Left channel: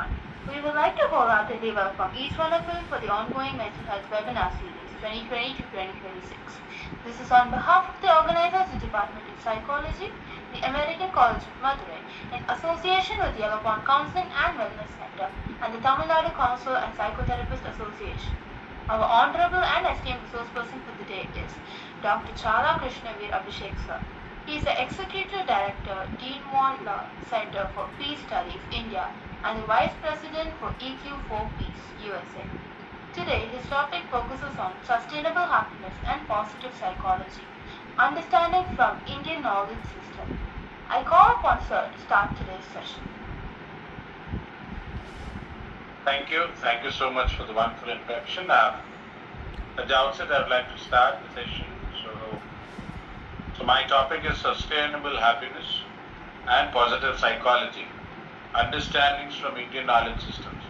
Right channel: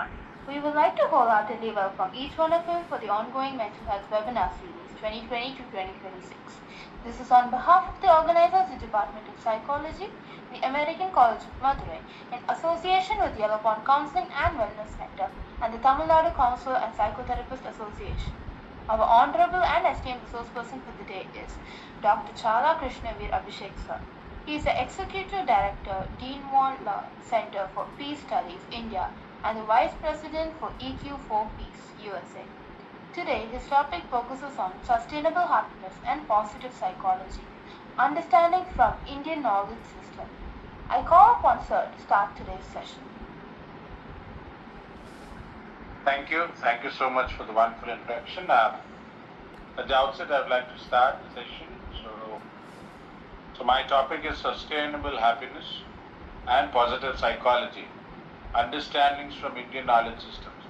everyone. We would like to wholeheartedly welcome each one of you for the ongoing Mental Health Webinar Series 2020 to 2026. This is on behalf of the organizers, the Department of Psychology, the American College of Madurai, in association with Yellow Pond Counseling and Wellness Center and the Tamil Nadu Counselor and Psychotherapist Association. Our honorable and esteemed resource person for the day is Dr. Chala Krishnavir Abhishek sir. He is the Executive Director, Dean Won Law Center for Peace Studies, India, and the Vice President for EQ4 Peace, USA. Today, his topic focuses on sustainable happiness and positive psychology, understanding from Indian knowledge system. I call upon Sir to start today's session. Thank you. Thank you so much for the wonderful introduction. At the outset, I would like to start the session. So my topic is sustainable happiness and positive psychology, understandings from Indian knowledge systems.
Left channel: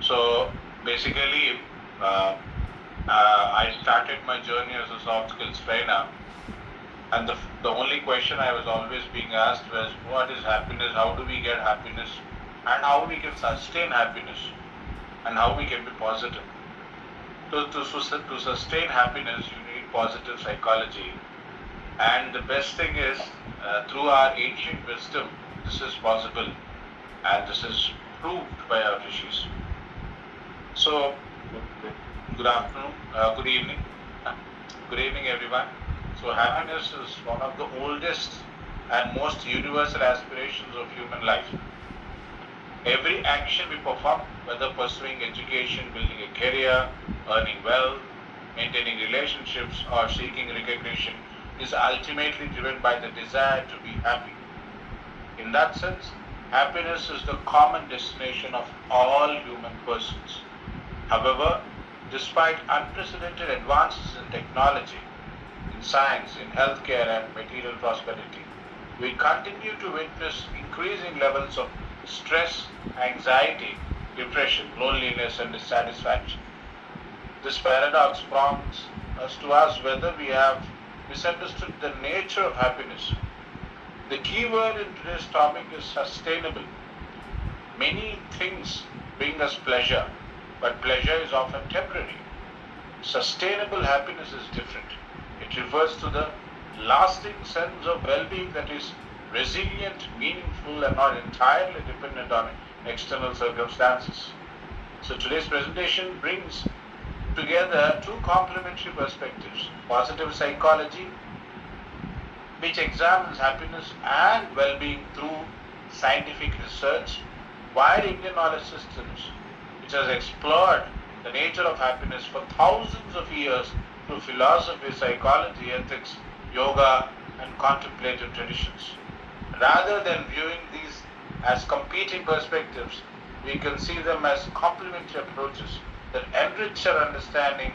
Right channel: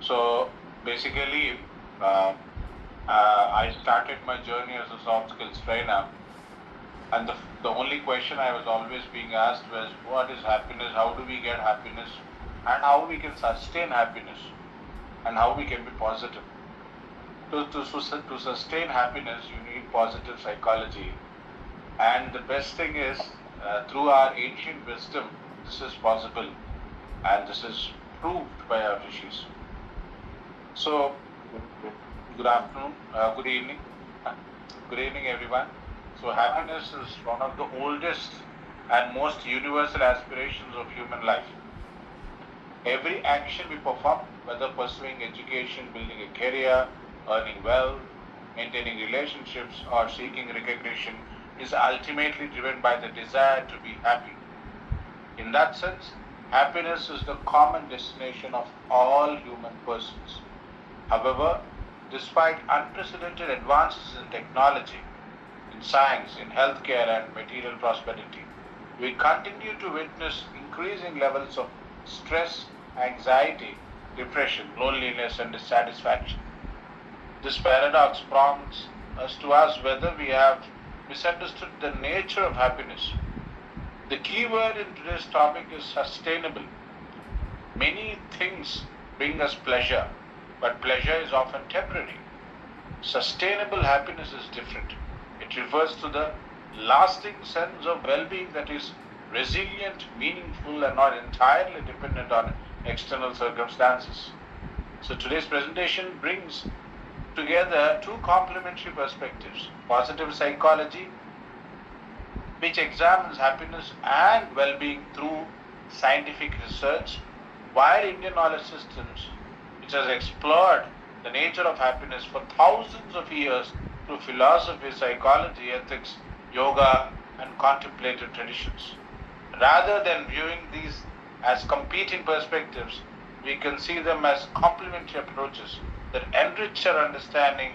So basically, I started my journey as a soft skills trainer, and the only question I was always being asked was, what is happiness, how do we get happiness, and how we can sustain happiness, and how we can be positive. To sustain happiness, you need positive psychology. And the best thing is, through our ancient wisdom, this is possible, and this is proved by our rishis. So, good afternoon, good evening, everyone. So, happiness is one of the oldest and most universal aspirations of human life. Every action we perform, whether pursuing education, building a career, earning wealth, maintaining relationships, or seeking recognition, is ultimately driven by the desire to be happy. In that sense, happiness is the common destination of all human persons. However, despite unprecedented advances in technology, in science, in healthcare and material prosperity, we continue to witness increasing levels of stress, anxiety, depression, loneliness and dissatisfaction. This paradox prompts us to ask whether we have misunderstood the nature of happiness. The key word in today's topic is sustainable. Many things bring us pleasure, but pleasure is often temporary. Sustainable happiness is different. It refers to the lasting sense of well-being that is resilient, meaningful, and not entirely dependent on external circumstances. So today's presentation brings together two complementary perspectives: positive psychology, which examines happiness and well-being through scientific research, while Indian knowledge systems, which has explored the nature of happiness for thousands of years through philosophy, psychology, ethics, yoga, and contemplative traditions. Rather than viewing these as competing perspectives, we can see them as complementary approaches that enrich our understanding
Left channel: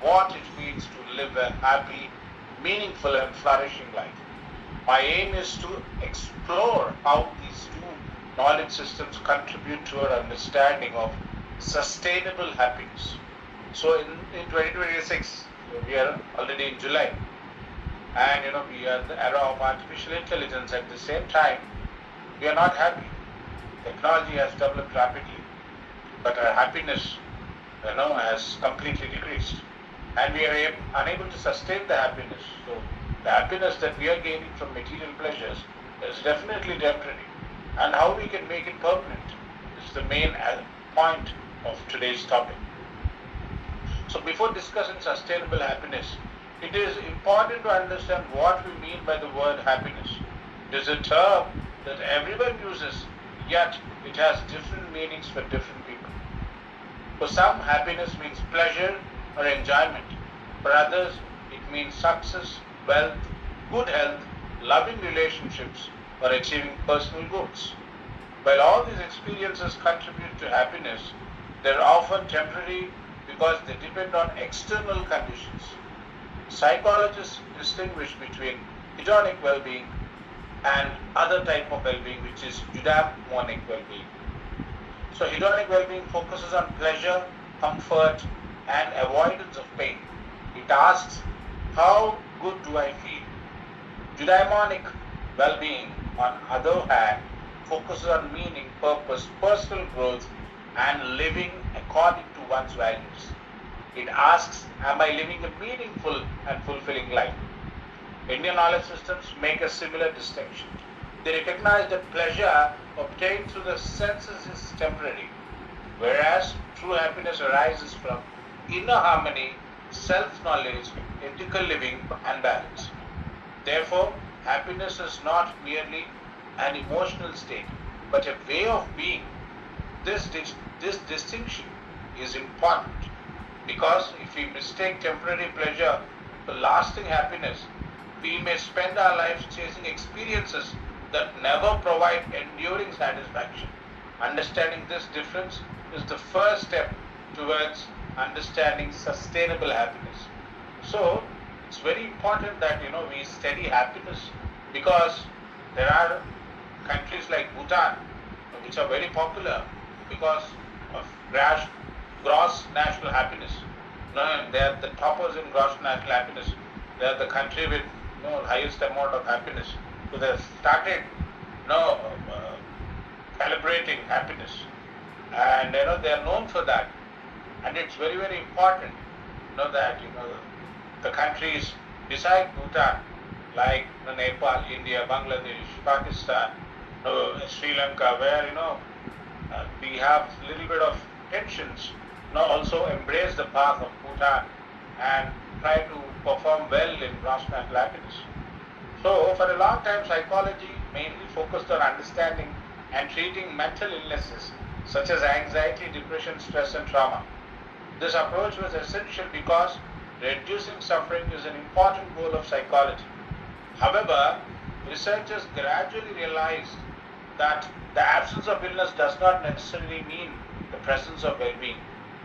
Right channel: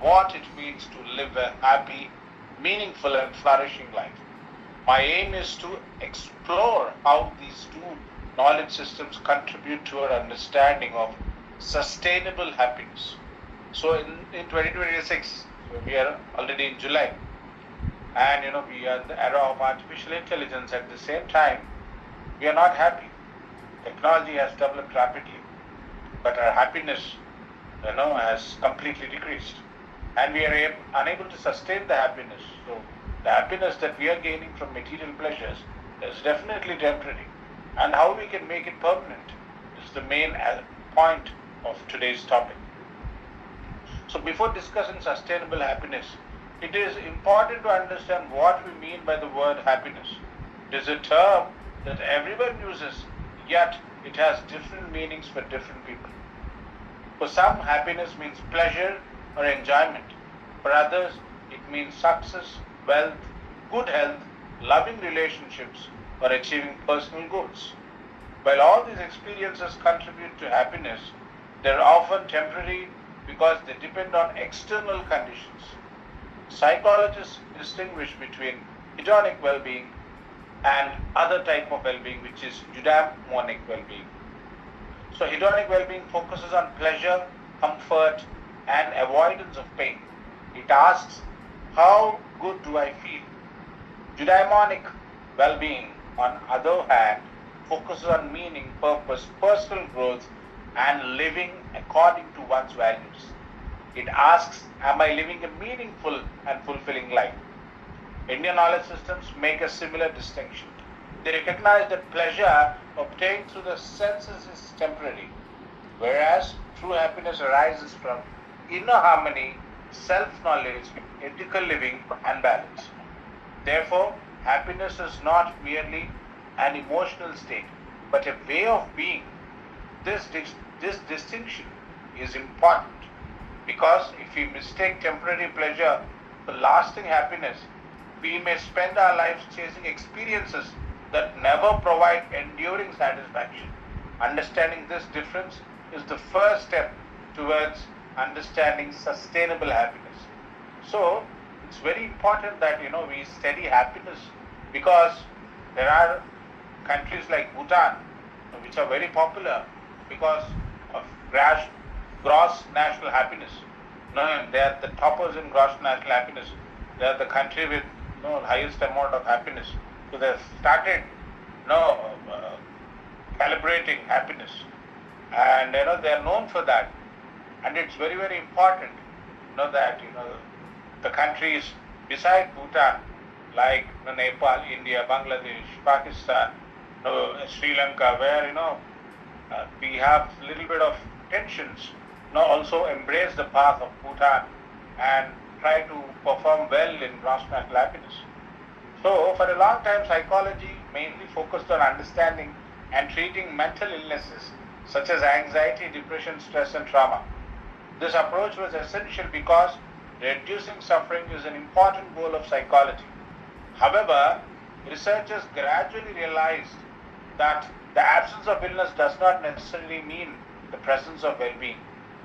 what it means to live a happy, meaningful and flourishing life. My aim is to explore how these two knowledge systems contribute to our understanding of sustainable happiness. So in 2026, we are already in July, and we are in the era of artificial intelligence. At the same time, we are not happy. Technology has developed rapidly, but our happiness has completely decreased, and we are unable to sustain the happiness. So the happiness that we are gaining from material pleasures is definitely temporary, and how we can make it permanent is the main point of today's topic. So before discussing sustainable happiness, it is important to understand what we mean by the word happiness. It is a term that everyone uses, yet it has different meanings for different people. For some, happiness means pleasure or enjoyment. For others, it means success, wealth, good health, loving relationships, or achieving personal goals. While all these experiences contribute to happiness, they are often temporary because they depend on external conditions. Psychologists distinguish between hedonic well-being and other type of well-being, which is eudaimonic well-being. So hedonic well-being focuses on pleasure, comfort, and avoidance of pain. It asks, how good do I feel? Eudaimonic well-being, on the other hand, focuses on meaning, purpose, personal growth, and living according to one's values. It asks, am I living a meaningful and fulfilling life? Indian knowledge systems make a similar distinction. They recognize that pleasure obtained through the senses is temporary, whereas true happiness arises from inner harmony, self-knowledge, ethical living, and balance. Therefore, happiness is not merely an emotional state, but a way of being. This distinction is important because if we mistake temporary pleasure for lasting happiness, we may spend our lives chasing experiences that never provide enduring satisfaction. Understanding this difference is the first step towards understanding sustainable happiness. So, it's very important that we study happiness because there are countries like Bhutan which are very popular because of gross national happiness. They are the toppers in gross national happiness. They are the country with highest amount of happiness. So they started celebrating happiness, and they are known for that. And it's very, very important that the countries beside Bhutan, like Nepal, India, Bangladesh, Pakistan, Sri Lanka, where we have a little bit of tensions, also embrace the path of Bhutan and try to perform well in gross national happiness. So, for a long time, psychology mainly focused on understanding and treating mental illnesses such as anxiety, depression, stress, and trauma. This approach was essential because reducing suffering is an important goal of psychology. However, researchers gradually realized that the absence of illness does not necessarily mean the presence of well-being.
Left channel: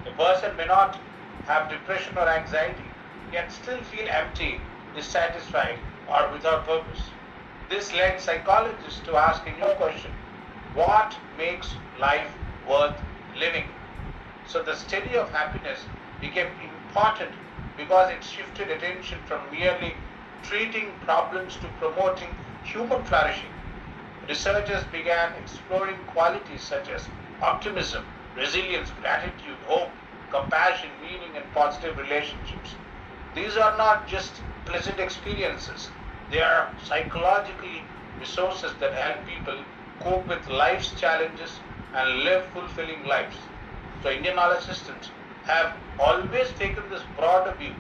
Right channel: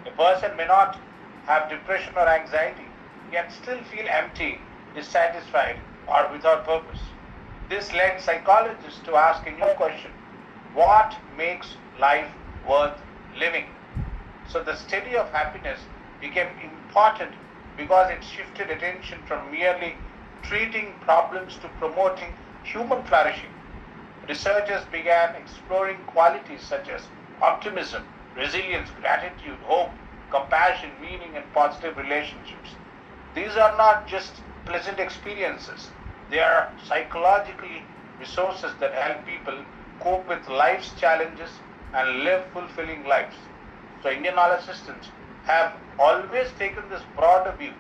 A person may not have depression or anxiety, yet still feel empty, dissatisfied, or without purpose. This led psychologists to ask a new question: what makes life worth living? So the study of happiness became important because it shifted attention from merely treating problems to promoting human flourishing. Researchers began exploring qualities such as optimism, resilience, gratitude, hope, compassion, meaning, and positive relationships. These are not just pleasant experiences, they are psychological resources that help people cope with life's challenges and live fulfilling lives. So Indian knowledge systems have always taken this broader view.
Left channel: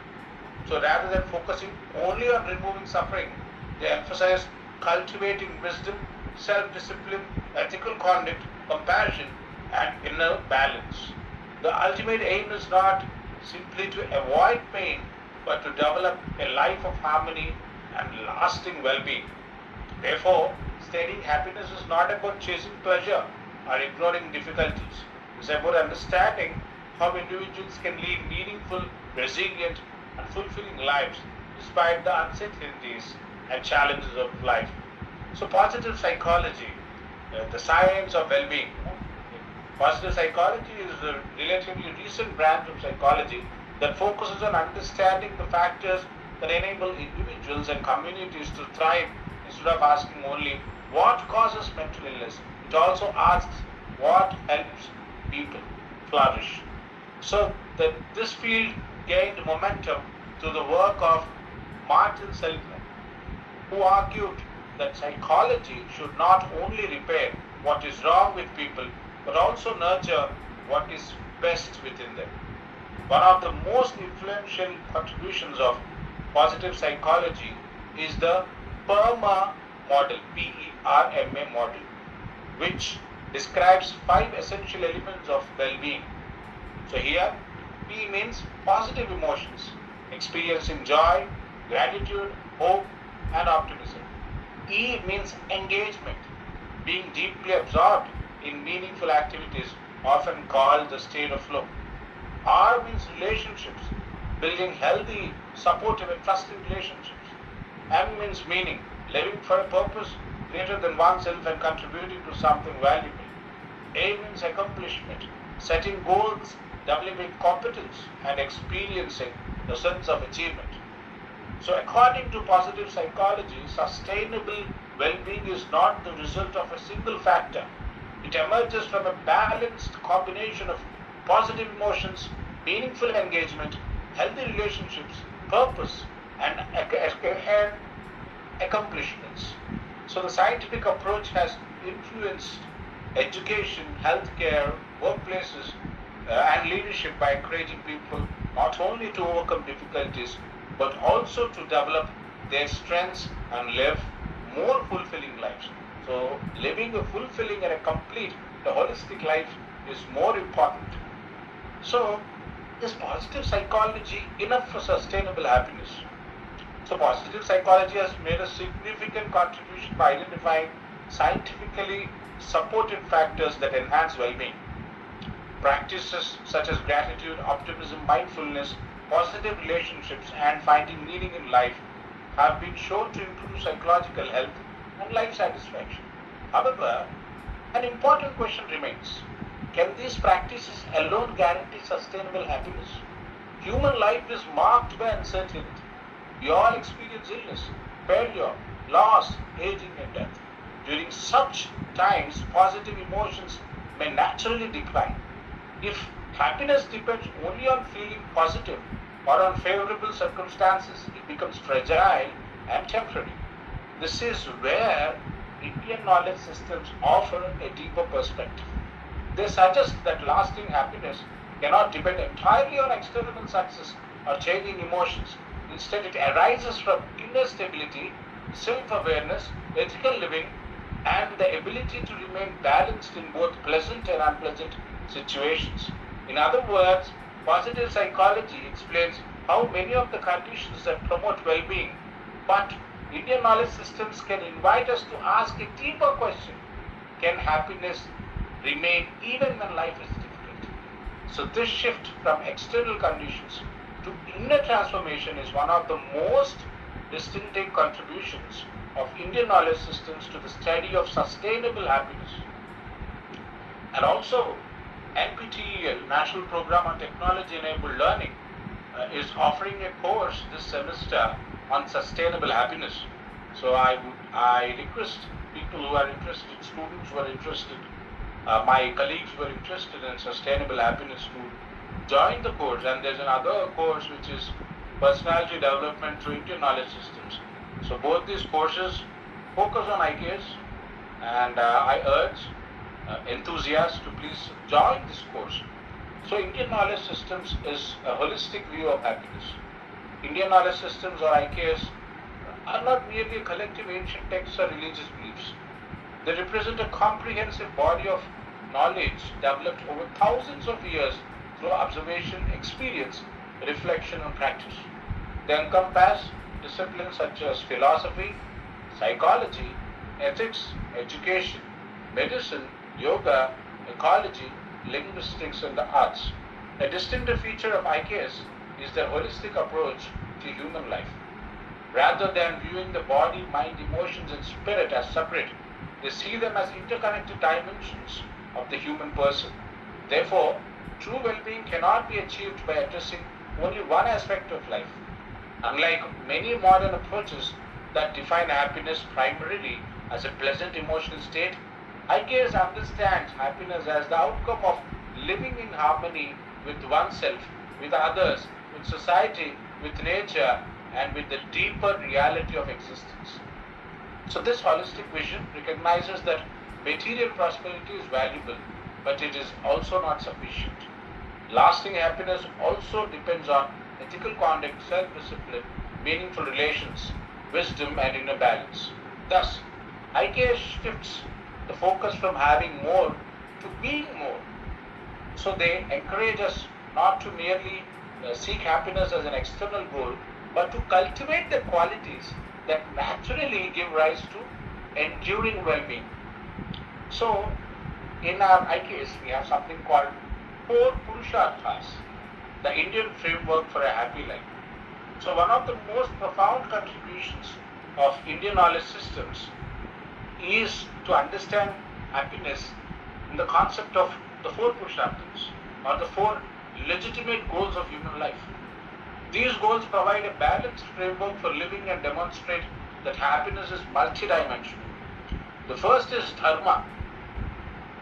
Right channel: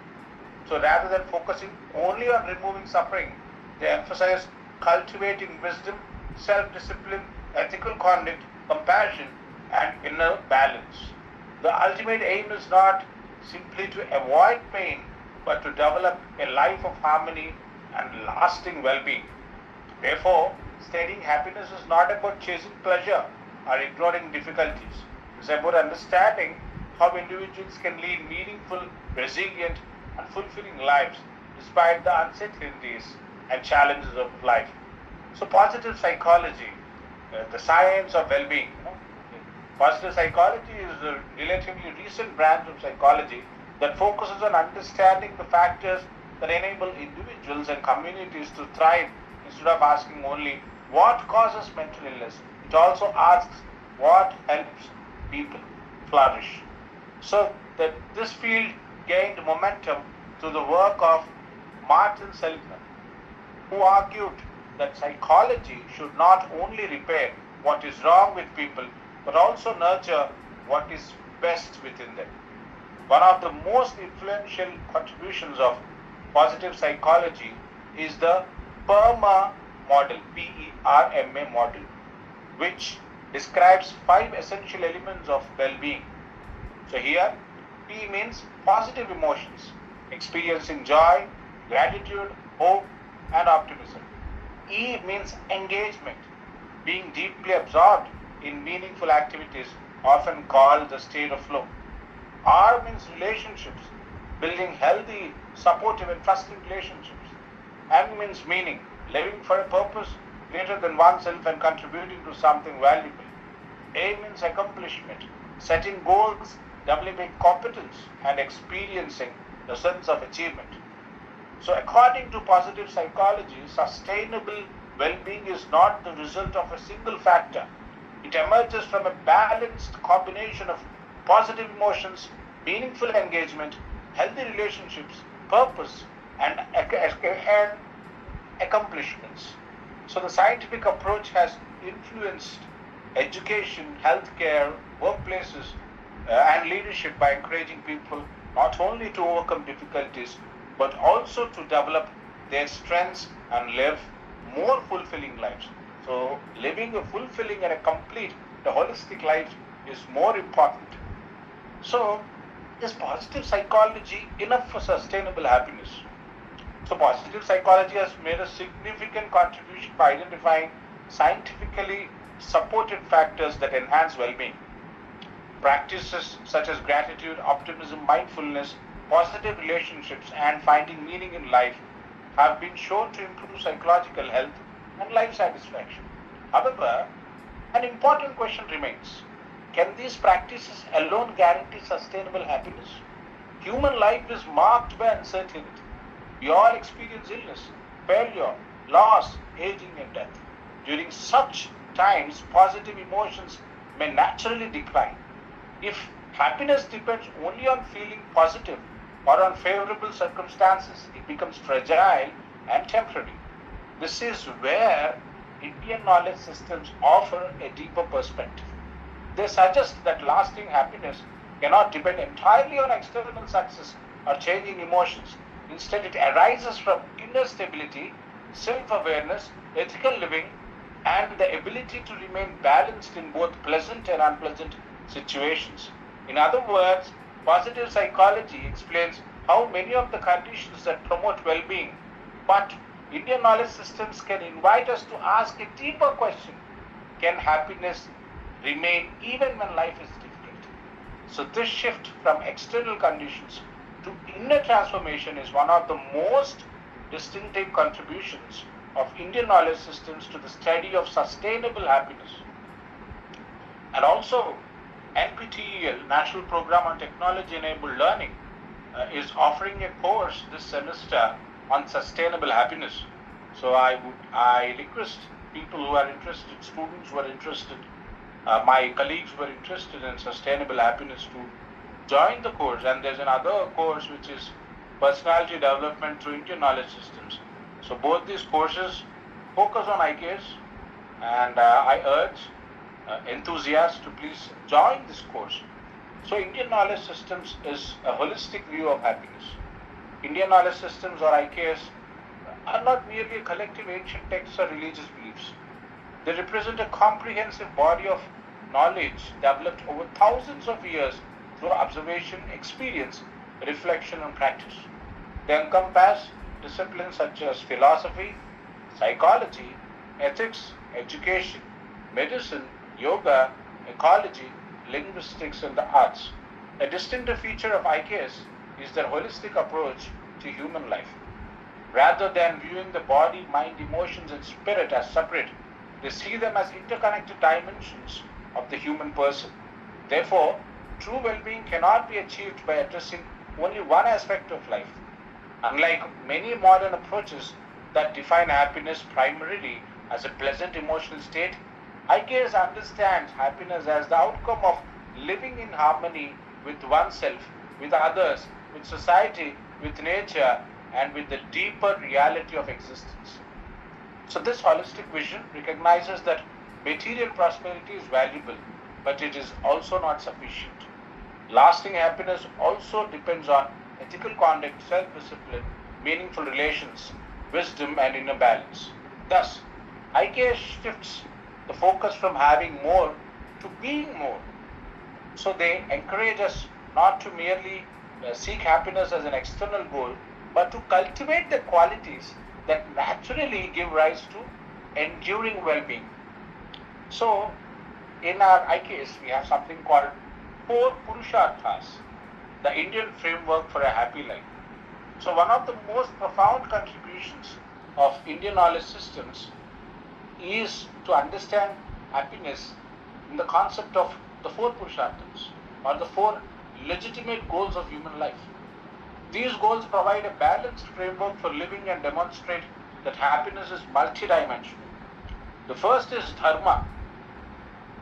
So rather than focusing only on removing suffering, they emphasize cultivating wisdom, self-discipline, ethical conduct, compassion, and inner balance. The ultimate aim is not simply to avoid pain, but to develop a life of harmony and lasting well-being. Therefore, studying happiness is not about chasing pleasure or ignoring difficulties. It's about understanding how individuals can lead meaningful, resilient, and fulfilling lives despite the uncertainties and challenges of life. So, positive psychology, the science of well-being. Positive psychology is a relatively recent branch of psychology that focuses on understanding the factors that enable individuals and communities to thrive instead of asking only what causes mental illness. It also asks what helps people flourish. So that this field gained momentum through the work of Martin Seligman, who argued that psychology should not only repair what is wrong with people, but also nurture what is best within them. One of the most influential contributions of positive psychology is the PERMA model, PERMA model, which describes 5 essential elements of well-being. So here, P means positive emotions, experiencing joy, gratitude, hope, and optimism. E means engagement, being deeply absorbed in meaningful activities, often called the state of flow. R means relationships, building healthy, supportive, and trusting relationships. M means meaning, living for a purpose greater than oneself and contributing to something valuable. A means accomplishment, setting goals, developing competence, and experiencing the sense of achievement. So, according to positive psychology, sustainable well-being is not the result of a single factor. It emerges from a balanced combination of positive emotions, meaningful engagement, healthy relationships, purpose, and accomplishments. So the scientific approach has influenced education, healthcare, workplaces, and leadership by encouraging people not only to overcome difficulties but also to develop their strengths and live more fulfilling lives. So living a fulfilling and a complete, the holistic life is more important. So is positive psychology enough for sustainable happiness? So positive psychology has made a significant contribution by identifying scientifically supported factors that enhance well-being. Practices such as gratitude, optimism, mindfulness, positive relationships, and finding meaning in life have been shown to improve psychological health and life satisfaction. However, an important question remains. Can these practices alone guarantee sustainable happiness? Human life is marked by uncertainty. We all experience illness, failure, loss, aging, and death. During such times, positive emotions may naturally decline. If happiness depends only on feeling positive or on favorable circumstances, it becomes fragile and temporary. This is where Indian knowledge systems offer a deeper perspective. They suggest that lasting happiness cannot depend entirely on external success or changing emotions. Instead, it arises from inner stability, self-awareness, ethical living, and the ability to remain balanced in both pleasant and unpleasant situations. In other words, positive psychology explains how many of the conditions that promote well-being, but Indian knowledge systems can invite us to ask a deeper question. Can happiness remain even when life is difficult? So this shift from external conditions to inner transformation is one of the most distinctive contributions of Indian knowledge systems to the study of sustainable happiness. And also, NPTEL, National Program on Technology Enabled Learning, is offering a course this semester on sustainable happiness. So I request people who are interested, students who are interested, my colleagues who are interested in sustainable happiness to join the course. And there's another course which is personality development through Indian knowledge systems. So both these courses focus on IKS, and I urge enthusiasts to please join this course. So Indian knowledge systems is a holistic view of happiness. Indian knowledge systems, or IKS, are not merely a collective ancient texts or religious beliefs. They represent a comprehensive body of knowledge developed over thousands of years through observation, experience, reflection, and practice. They encompass disciplines such as philosophy, psychology, ethics, education, medicine, yoga, ecology, linguistics, and the arts. A distinctive feature of IKS is their holistic approach to human life. Rather than viewing the body, mind, emotions, and spirit as separate, they see them as interconnected dimensions of the human person. Therefore, true well-being cannot be achieved by addressing only one aspect of life. Unlike many modern approaches that define happiness primarily as a pleasant emotional state, IKS understands happiness as the outcome of living in harmony with oneself, with others, with society, with nature, and with the deeper reality of existence. So this holistic vision recognizes that material prosperity is valuable, but it is also not sufficient. Lasting happiness also depends on ethical conduct, self-discipline, meaningful relations, wisdom, and inner balance. Thus, IKS shifts the focus from having more to being more. So they encourage us not to merely seek happiness as an external goal, but to cultivate the qualities that naturally give rise to enduring well-being. So, in our IKS, we have something called 4 Purusharthas, the Indian framework for a happy life. So, one of the most profound contributions of Indian knowledge systems is to understand happiness in the concept of the 4 Purusharthas, or the 4 legitimate goals of human life. These goals provide a balanced framework for living and demonstrate that happiness is multidimensional. The first is dharma,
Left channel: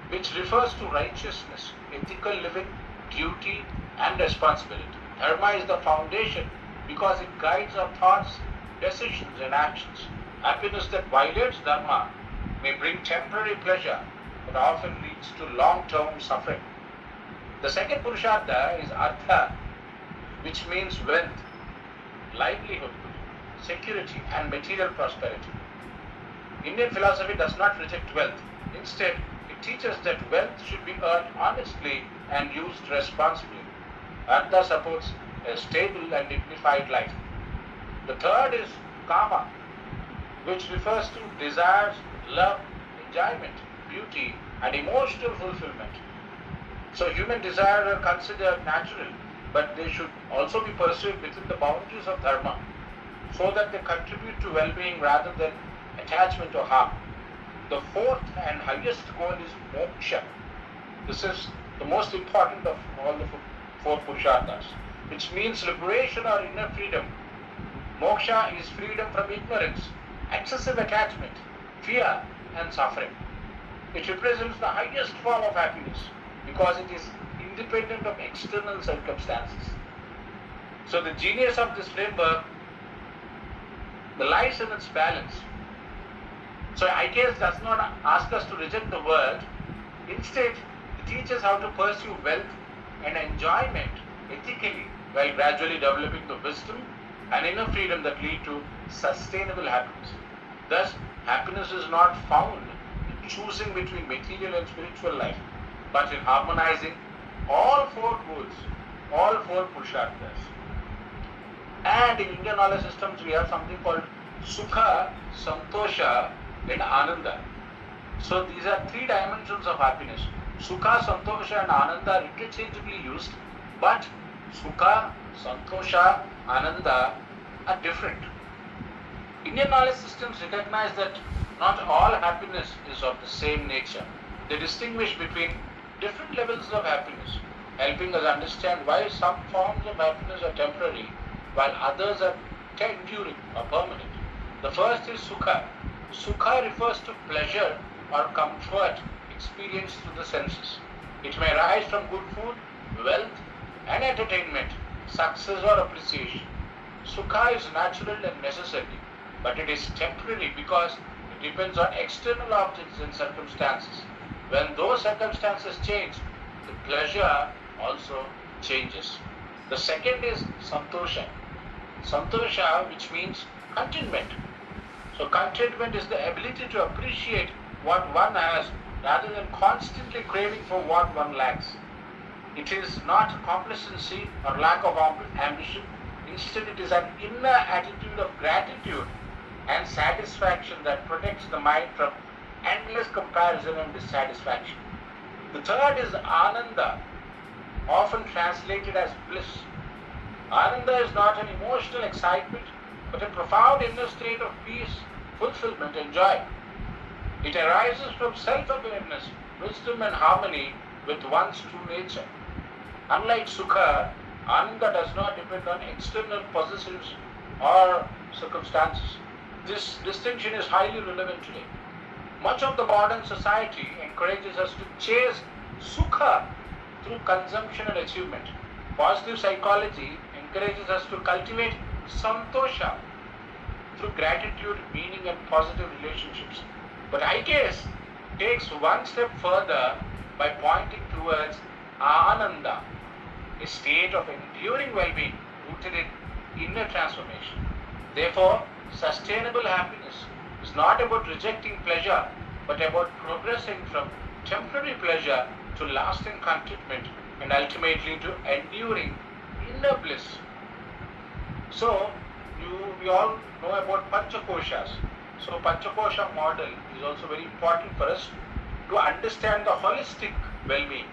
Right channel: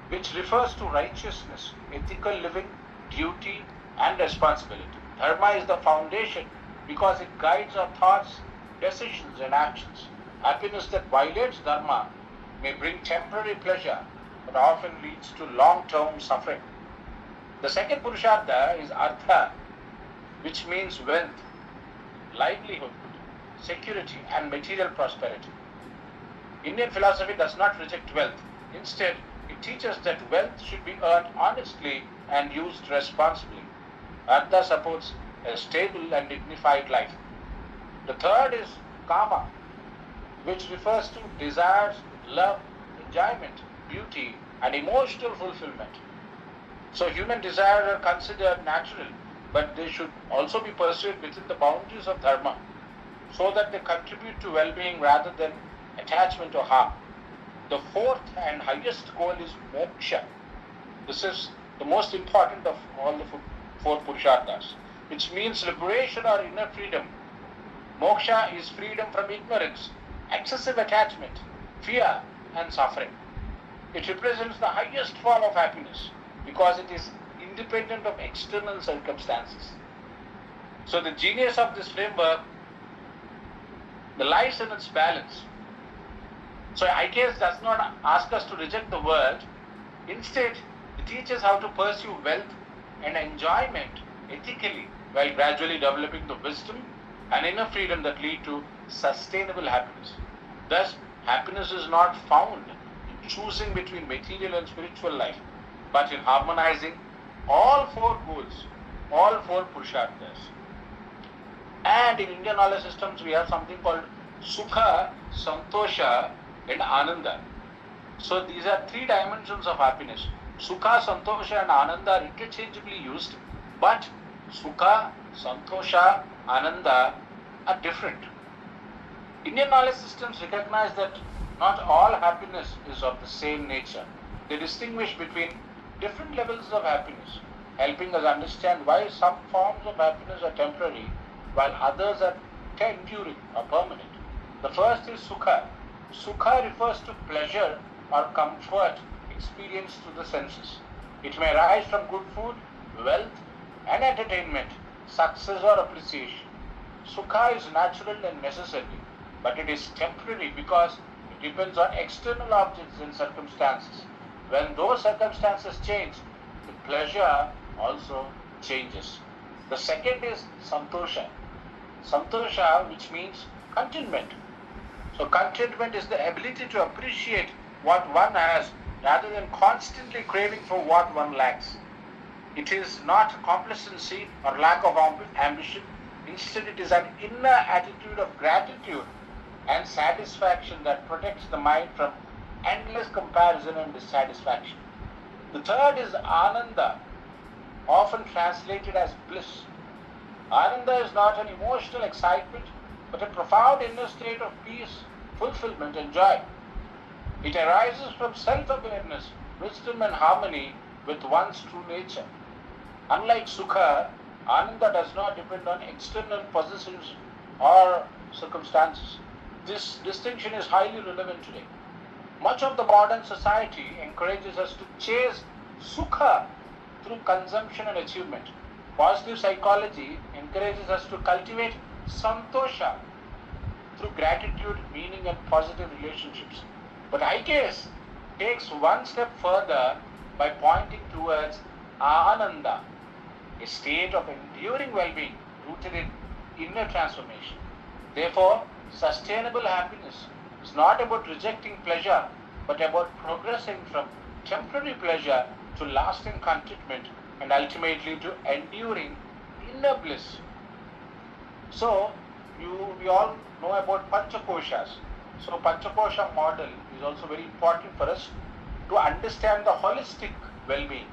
which refers to righteousness, ethical living, duty, and responsibility. Dharma is the foundation because it guides our thoughts, decisions, and actions. Happiness that violates dharma may bring temporary pleasure, but often leads to long-term suffering. The second Purushartha is artha, which means wealth, livelihood, security, and material prosperity. Indian philosophy does not reject wealth. Instead, it teaches that wealth should be earned honestly and used responsibly. Artha supports a stable and dignified life. The third is kama, which refers to desires, love, enjoyment, beauty, and emotional fulfillment. So human desires are considered natural, but they should also be pursued within the boundaries of dharma, so that they contribute to well-being rather than attachment or harm. The fourth and highest goal is moksha. This is the most important of all the four Purusharthas, which means liberation or inner freedom. Moksha is freedom from ignorance, excessive attachment, fear, and suffering. It represents the highest form of happiness because it is independent of external circumstances. So the genius of this framework lies in its balance. So IKS does not ask us to reject the world. Instead, it teaches how to pursue wealth and enjoyment ethically while gradually developing the wisdom and inner freedom that lead to sustainable happiness. Thus, happiness is not found in choosing between material and spiritual life, but in harmonizing all four goals, all four Purusharthas. And in Indian knowledge systems, we have something called Sukha, Santosha, and Ananda. So these are three dimensions of happiness. Sukha, Santosha, and Ananda are interchangeably used, but Sukha, Santosha, Ananda are different. Indian knowledge systems recognize that not all happiness is of the same nature. They distinguish between different levels of happiness, helping us understand why some forms of happiness are temporary while others are enduring or permanent. The first is Sukha. Sukha refers to pleasure or comfort experienced through the senses. It may arise from good food, wealth, and entertainment, success or appreciation. Sukha is natural and necessary, but it is temporary because it depends on external objects and circumstances. When those circumstances change, the pleasure also changes. The second is Santosha. Santosha, which means contentment. So contentment is the ability to appreciate what one has rather than constantly craving for what one lacks. It is not complacency or lack of ambition. Instead, it is an inner attitude of gratitude and satisfaction that protects the mind from endless comparison and dissatisfaction. The third is Ananda, often translated as bliss. Ananda is not an emotional excitement, but a profound inner state of peace, fulfillment, and joy. It arises from self-awareness, wisdom, and harmony with one's true nature. Unlike Sukha, Ananda does not depend on external possessions or circumstances. This distinction is highly relevant today. Much of the modern society encourages us to chase Sukha through consumption and achievement. Positive psychology encourages us to cultivate Santosha through gratitude, meaning, and positive relationships. But IKS takes one step further by pointing towards Ananda, a state of enduring well-being rooted in inner transformation. Therefore, sustainable happiness is not about rejecting pleasure, but about progressing from temporary pleasure to lasting contentment and ultimately to enduring inner bliss. So, we all know about Panchakoshas. So, Panchakosha model is also very important for us to understand the holistic well-being.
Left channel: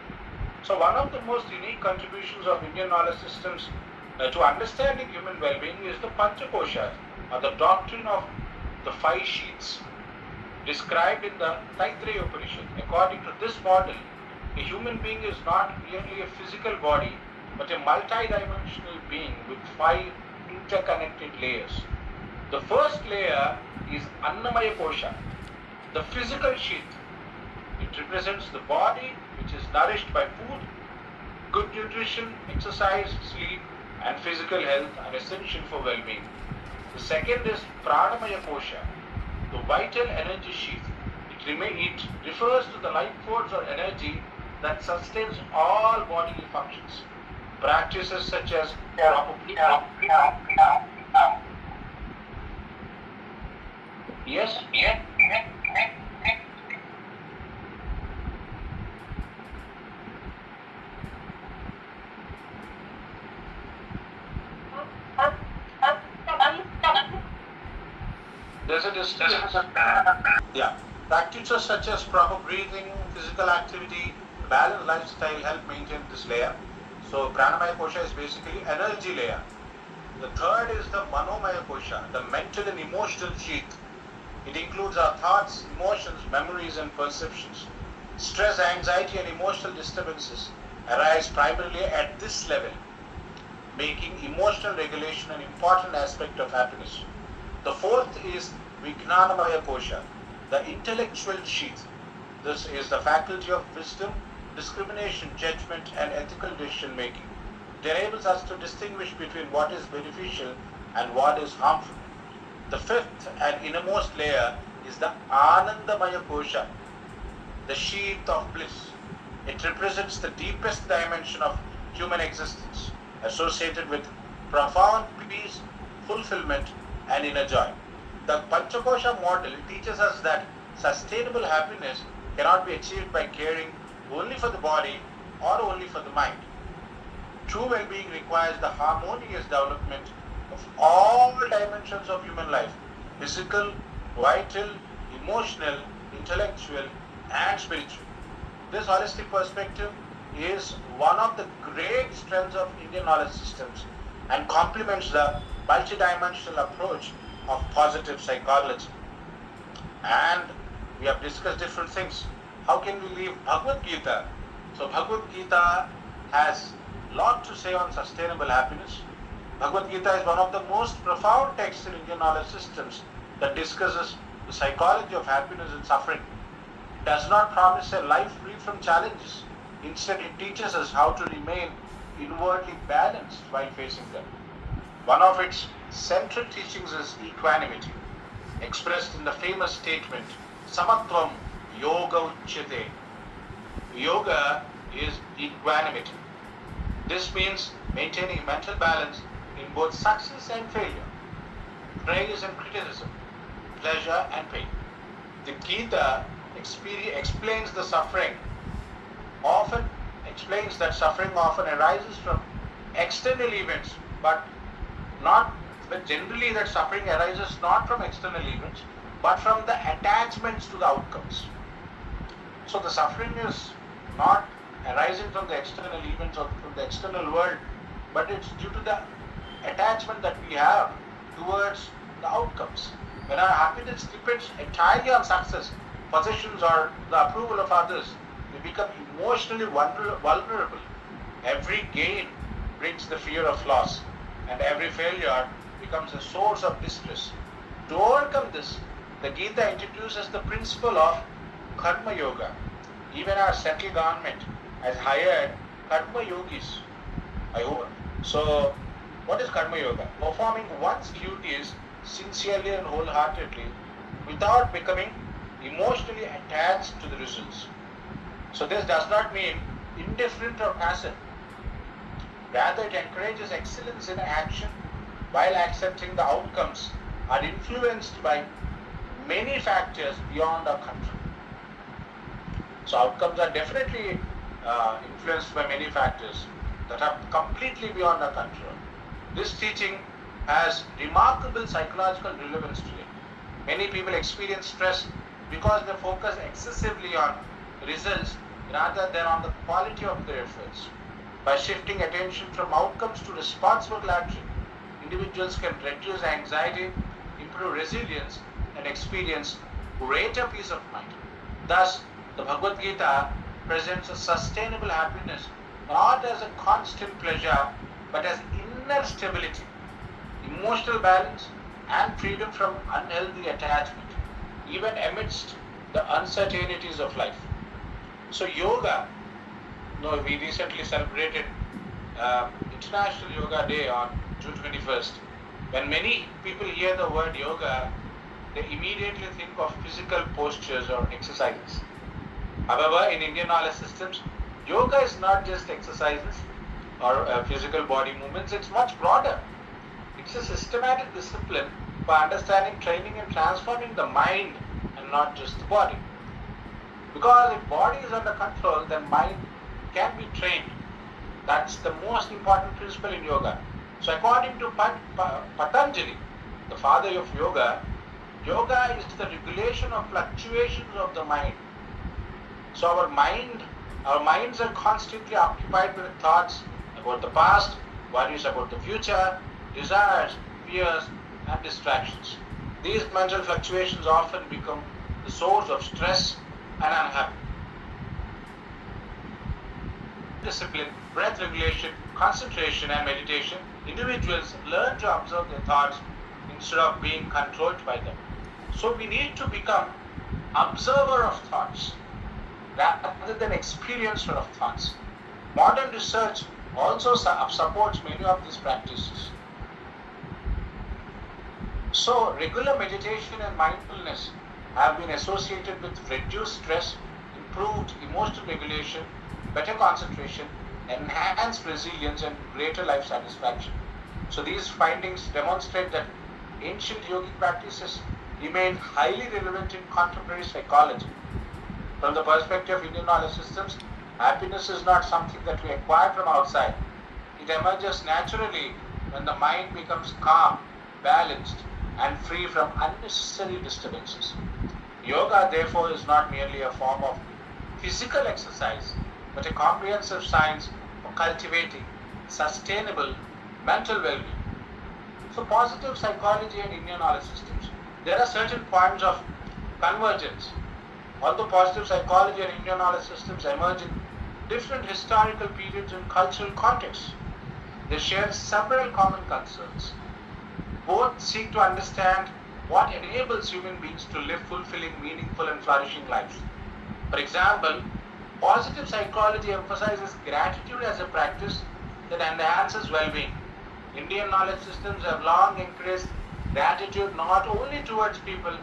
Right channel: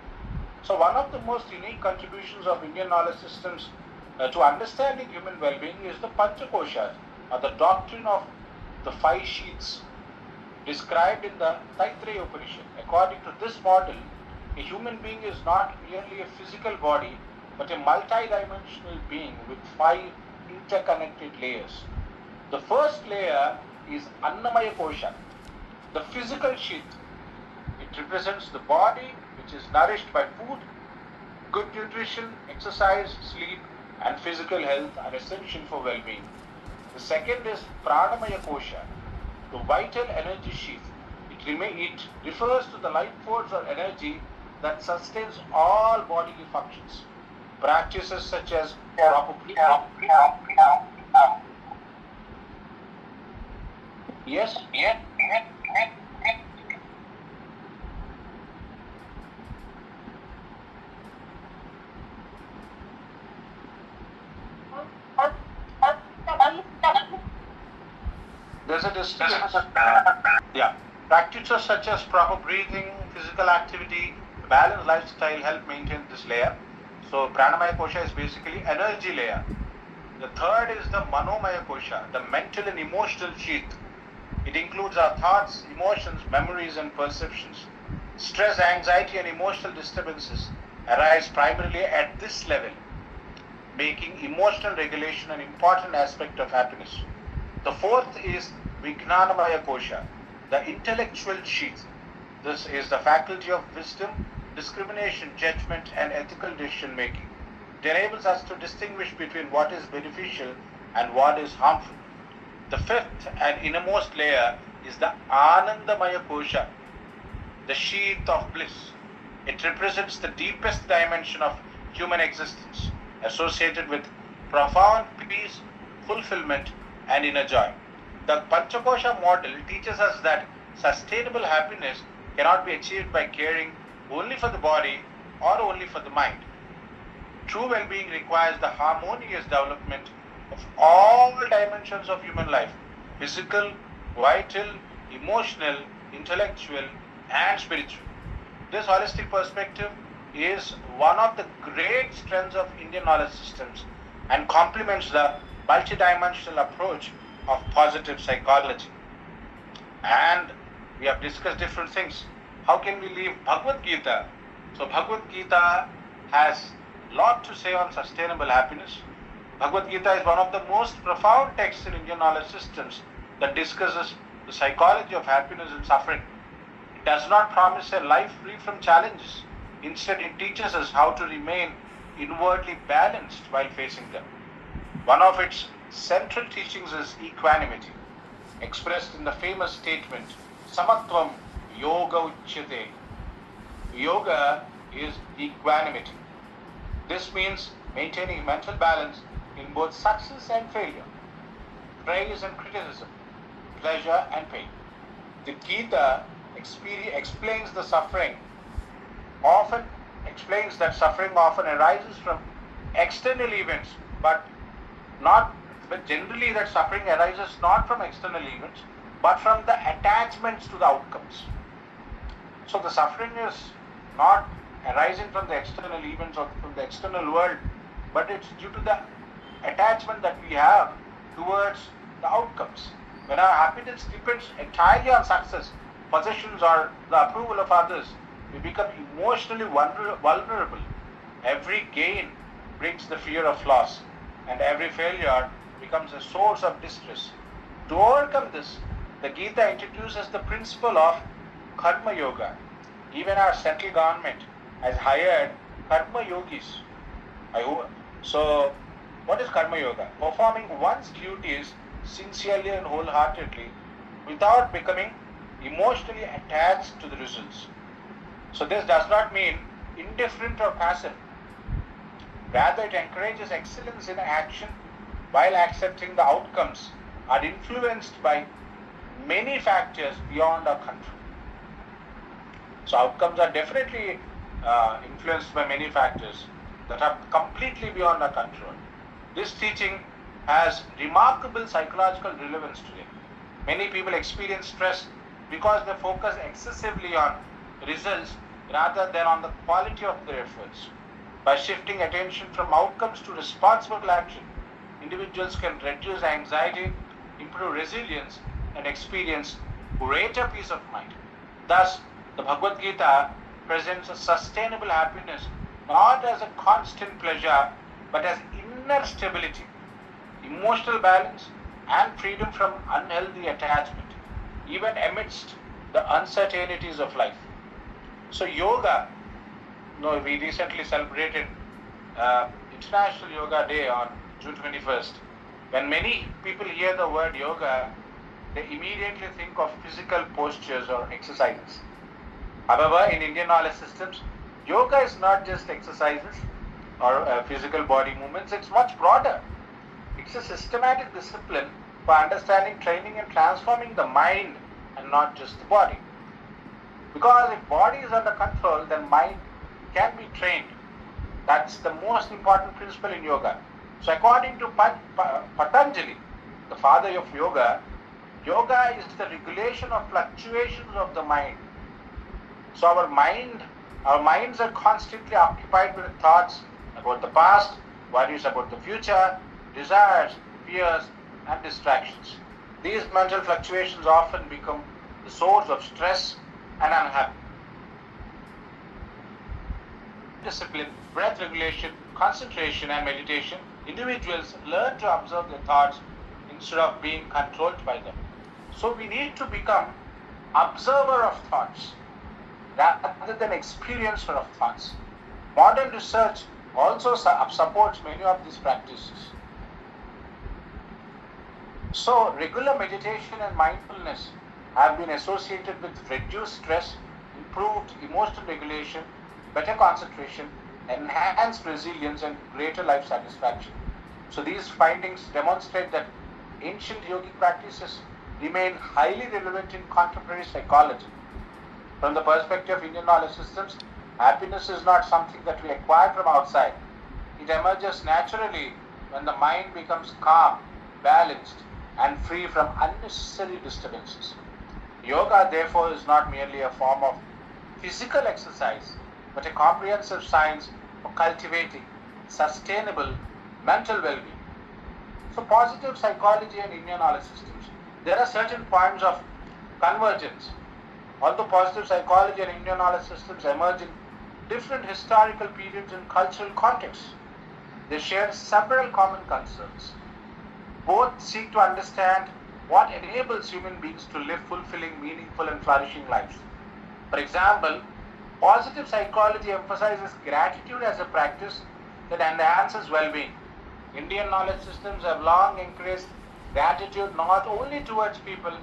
So, one of the most unique contributions of Indian knowledge systems to understanding human well-being is the Panchakoshas, or the doctrine of the five sheaths described in the Taittiriya Upanishad. According to this model, a human being is not merely a physical body, but a multi-dimensional being with five interconnected layers. The first layer is Annamaya Kosha, The physical sheath, it represents the body which is nourished by food. Good nutrition, exercise, sleep, and physical health are essential for well-being. The second is Pranamaya Kosha, the vital energy sheath. It refers to the life force or energy that sustains all bodily functions. Practices such as proper breathing. Yes? There's a disturbance. Yeah. Practices such as proper breathing, physical activity, balanced lifestyle help maintain this layer. So Pranamaya Kosha is basically energy layer. The third is the Manomaya Kosha, the mental and emotional sheath. It includes our thoughts, emotions, memories, and perceptions. Stress, anxiety, and emotional disturbances arise primarily at this level, making emotional regulation an important aspect of happiness. The fourth is Vijnanamaya Kosha, the intellectual sheath. This is the faculty of wisdom, discrimination, judgment, and ethical decision making. It enables us to distinguish between what is beneficial and what is harmful. The fifth and innermost layer is the Anandamaya Kosha, the sheath of bliss. It represents the deepest dimension of human existence, associated with profound peace, fulfillment, and inner joy. The Panchakosha model teaches us that sustainable happiness cannot be achieved by caring only for the body or only for the mind. True well-being requires the harmonious development of all dimensions of human life: physical, vital, emotional, intellectual, and spiritual. This holistic perspective is one of the great strengths of Indian knowledge systems and complements the multidimensional approach of positive psychology. And we have discussed different things. How can we leave Bhagavad Gita? So Bhagavad Gita has a lot to say on sustainable happiness. Bhagavad Gita is one of the most profound texts in Indian knowledge systems that discusses the psychology of happiness and suffering. It does not promise a life free from challenges. Instead, it teaches us how to remain inwardly balanced while facing them. One of its central teachings is equanimity, expressed in the famous statement, Samatvam Yoga Uchyate. Yoga is equanimity. This means maintaining mental balance in both success and failure, praise and criticism, pleasure and pain. The Gita explains that suffering often arises from external events, but generally that suffering arises not from external events, but from the attachments to the outcomes. So the suffering is not arising from the external events or from the external world, but it's due to the attachment that we have towards the outcomes. When our happiness depends entirely on success, possessions, or the approval of others, we become emotionally vulnerable. Every gain brings the fear of loss, and every failure becomes a source of distress. To overcome this, the Gita introduces the principle of Karma Yoga. Even our central government has hired Karma Yogis. So, what is Karma Yoga? Performing one's duties sincerely and wholeheartedly without becoming emotionally attached to the results. So this does not mean indifferent or passive. Rather, it encourages excellence in action while accepting the outcomes are influenced by many factors beyond our control. So outcomes are definitely influenced by many factors that are completely beyond our control. This teaching has remarkable psychological relevance today. Many people experience stress because they focus excessively on results rather than on the quality of their efforts. By shifting attention from outcomes to responsible action, individuals can reduce anxiety, improve resilience, and experience greater peace of mind. Thus, the Bhagavad Gita presents a sustainable happiness not as a constant pleasure, but as inner stability, emotional balance, and freedom from unhealthy attachment, even amidst the uncertainties of life. So yoga, we recently celebrated International Yoga Day on June 21st. When many people hear the word yoga, they immediately think of physical postures or exercises. However, in Indian knowledge systems, yoga is not just exercises or physical body movements, it's much broader. It's a systematic discipline for understanding, training and transforming the mind and not just the body. Because if body is under control, then mind can be trained. That's the most important principle in yoga. So according to Patanjali, the father of yoga, yoga is the regulation of fluctuations of the mind. So our minds are constantly occupied with thoughts about the past, worries about the future, desires, fears, and distractions. These mental fluctuations often become the source of stress and unhappiness. Discipline, breath regulation, concentration, and meditation, individuals learn to observe their thoughts instead of being controlled by them. So we need to become observer of thoughts rather than experiencer of thoughts. Modern research also supports many of these practices. So regular meditation and mindfulness have been associated with reduced stress, improved emotional regulation, better concentration, enhanced resilience, and greater life satisfaction. So these findings demonstrate that ancient yogic practices remain highly relevant in contemporary psychology. From the perspective of Indian knowledge systems, happiness is not something that we acquire from outside. It emerges naturally when the mind becomes calm, balanced, and free from unnecessary disturbances. Yoga, therefore, is not merely a form of physical exercise, but a comprehensive science for cultivating sustainable mental well-being. So positive psychology and Indian knowledge systems. There are certain points of convergence. Although positive psychology and Indian knowledge systems emerge in different historical periods and cultural contexts, they share several common concerns. Both seek to understand what enables human beings to live fulfilling, meaningful, and flourishing lives. For example, positive psychology emphasizes gratitude as a practice that enhances well-being. Indian knowledge systems have long encouraged gratitude not only towards people,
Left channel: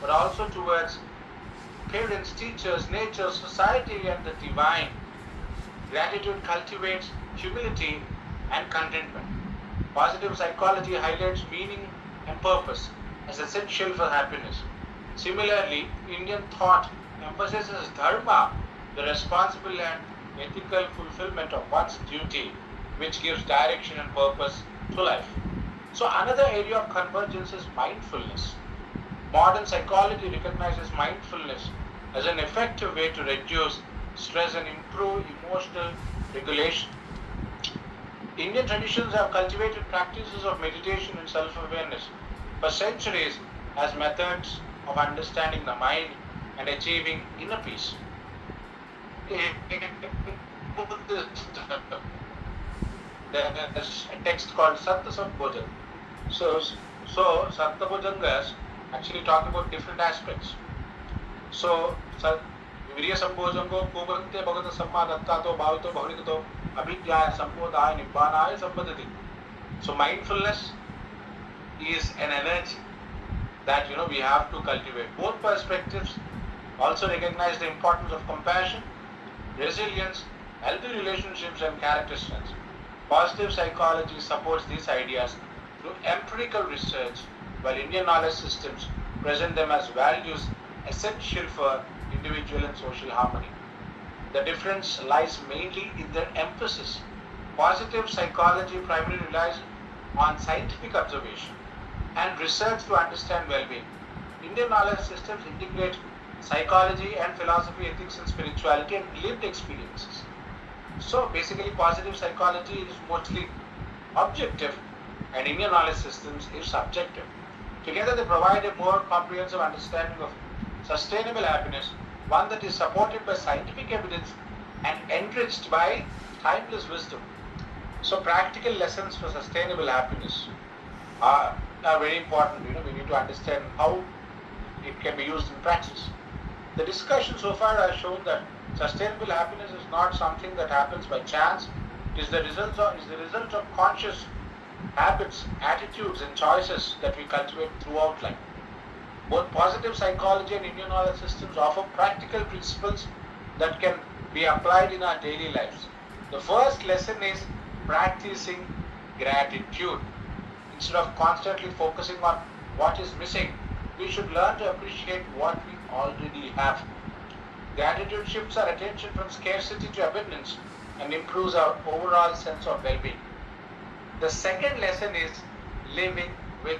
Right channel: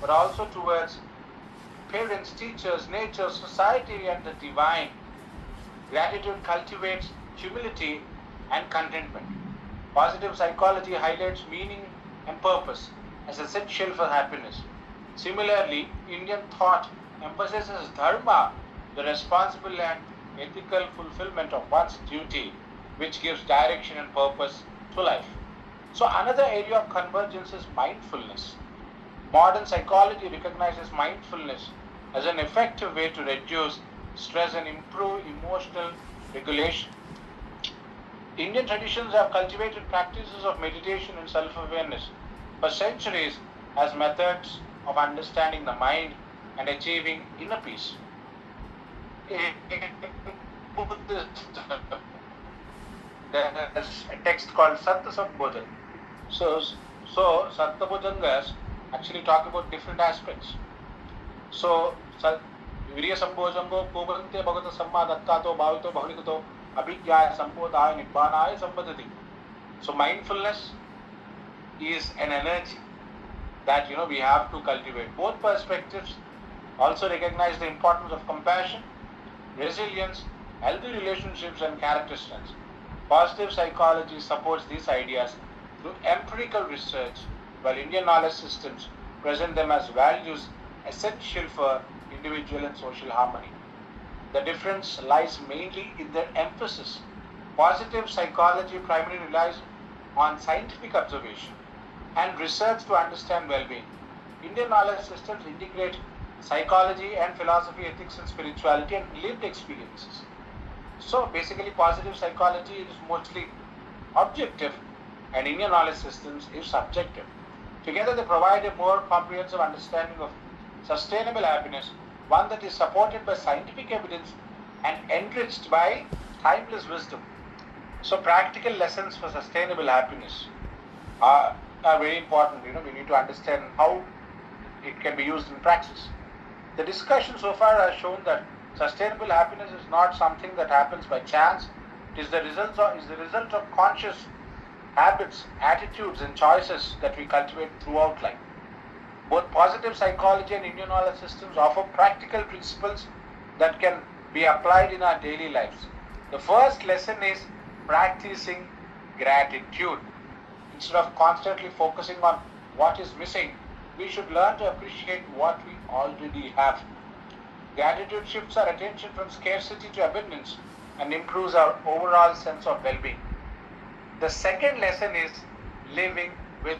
but also towards parents, teachers, nature, society, and the divine. Gratitude cultivates humility and contentment. Positive psychology highlights meaning and purpose as essential for happiness. Similarly, Indian thought emphasizes dharma, the responsible and ethical fulfillment of one's duty, which gives direction and purpose to life. So another area of convergence is mindfulness. Modern psychology recognizes mindfulness as an effective way to reduce stress and improve emotional regulation. Indian traditions have cultivated practices of meditation and self-awareness for centuries as methods of understanding the mind and achieving inner peace. There's a text called Satta Sambodhan. So Satta Bhujangas actually talk about different aspects. So Virya Sambhojango Kubante Bhagata Sammadhattato Bhavito Bhavanikato Abhigyaya Sambodhaya Nibbanaya Sambadhati. So mindfulness is an energy that we have to cultivate. Both perspectives also recognize the importance of compassion, resilience, healthy relationships, and character strength. Positive psychology supports these ideas through empirical research, while Indian knowledge systems present them as values essential for individual and social harmony. The difference lies mainly in their emphasis. Positive psychology primarily relies on scientific observation and research to understand well-being. Indian knowledge systems integrate psychology and philosophy, ethics and spirituality and lived experiences. So basically positive psychology is mostly objective and Indian knowledge systems is subjective. Together they provide a more comprehensive understanding of sustainable happiness, one that is supported by scientific evidence and enriched by timeless wisdom. So practical lessons for sustainable happiness are very important. We need to understand how it can be used in practice. The discussion so far has shown that sustainable happiness is not something that happens by chance. It is the result of conscious habits, attitudes, and choices that we cultivate throughout life. Both positive psychology and immunology systems offer practical principles that can be applied in our daily lives. The first lesson is practicing gratitude. Instead of constantly focusing on what is missing, we should learn to appreciate what we already have. Gratitude shifts our attention from scarcity to abundance and improves our overall sense of well-being. The second lesson is living with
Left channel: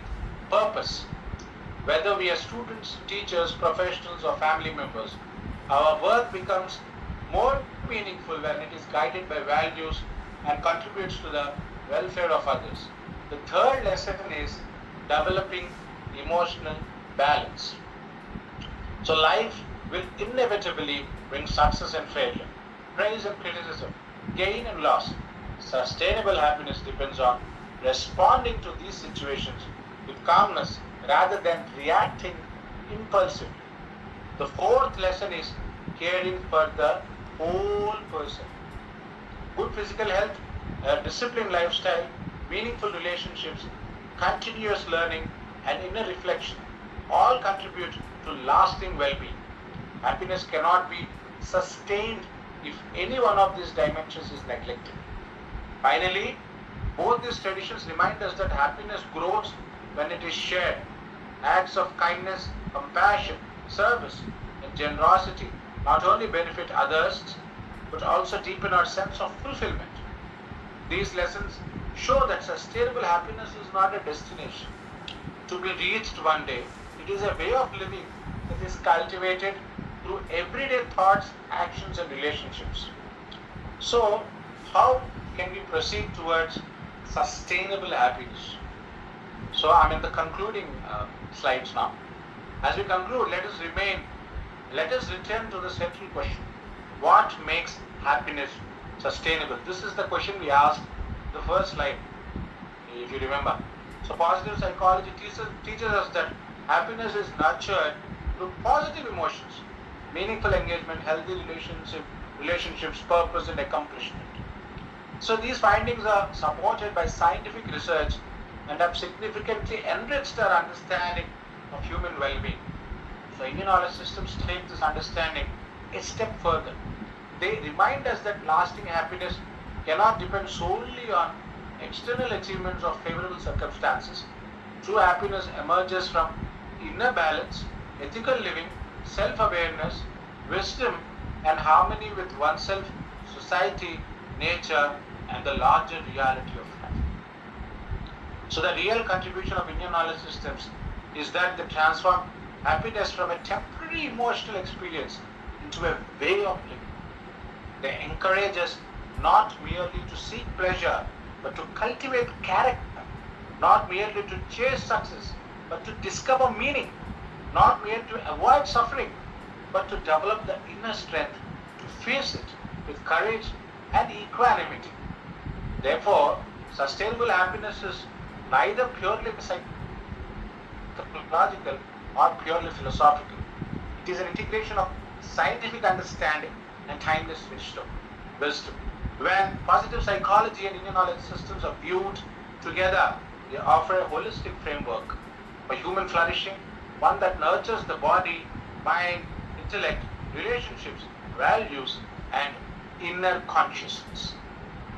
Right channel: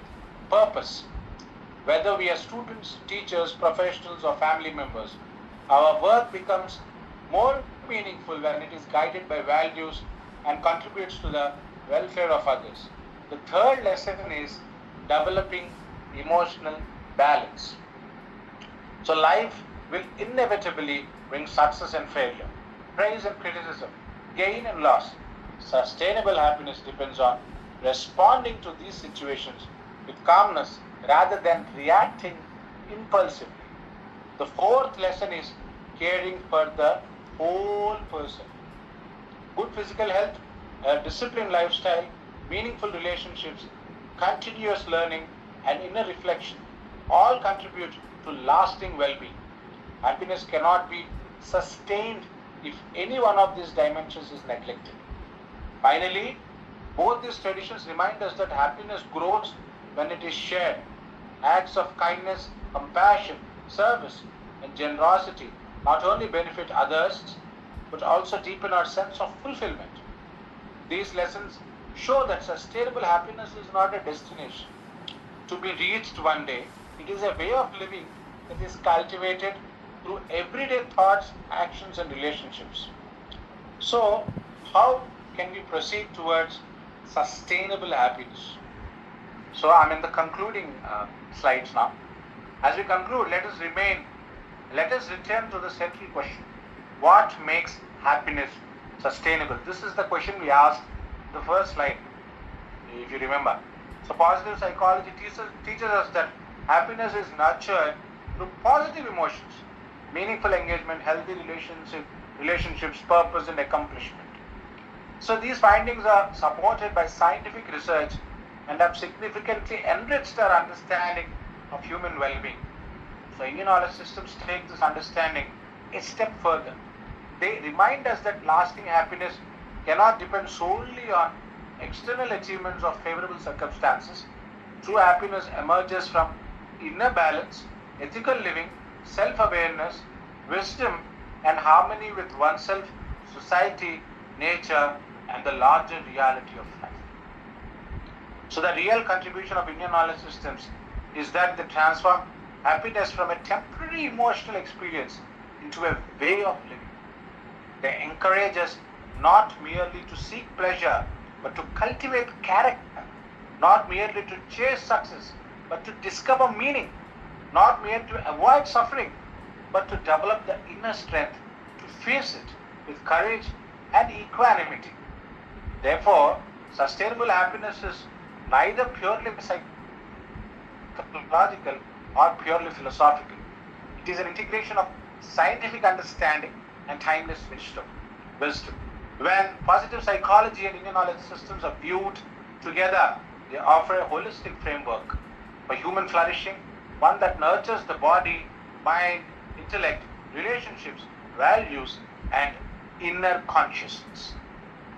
purpose. Whether we are students, teachers, professionals, or family members, our work becomes more meaningful when it is guided by values and contributes to the welfare of others. The third lesson is developing emotional balance. So life will inevitably bring success and failure, praise and criticism, gain and loss. Sustainable happiness depends on responding to these situations with calmness rather than reacting impulsively. The fourth lesson is caring for the whole person. Good physical health, a disciplined lifestyle, meaningful relationships, continuous learning, and inner reflection all contribute to lasting well-being. Happiness cannot be sustained if any one of these dimensions is neglected. Finally, both these traditions remind us that happiness grows when it is shared. Acts of kindness, compassion, service, and generosity not only benefit others but also deepen our sense of fulfillment. These lessons show that sustainable happiness is not a destination to be reached one day. It is a way of living that is cultivated through everyday thoughts, actions, and relationships. So, how can we proceed towards sustainable happiness? So, I'm in the concluding slides now. As we conclude, let us return to the central question. What makes happiness sustainable? This is the question we asked the first slide, if you remember. So positive psychology teaches us that happiness is nurtured through positive emotions, meaningful engagement, healthy relationships, purpose, and accomplishment. So these findings are supported by scientific research and have significantly enriched our understanding of human well-being. So Indian knowledge systems take this understanding a step further. They remind us that lasting happiness cannot depend solely on external achievements or favorable circumstances. True happiness emerges from inner balance, ethical living, self-awareness, wisdom, and harmony with oneself, society, nature, and the larger reality of life. So the real contribution of Indian knowledge systems is that they transform happiness from a temporary emotional experience into a way of living. They encourage us not merely to seek pleasure, but to cultivate character, not merely to chase success, but to discover meaning, not merely to avoid suffering, but to develop the inner strength to face it with courage and equanimity. Therefore, sustainable happiness is neither purely psychological or purely philosophical. It is an integration of scientific understanding and timeless wisdom. When positive psychology and Indian knowledge systems are viewed together, they offer a holistic framework for human flourishing, one that nurtures the body, mind, intellect, relationships, values, and inner consciousness.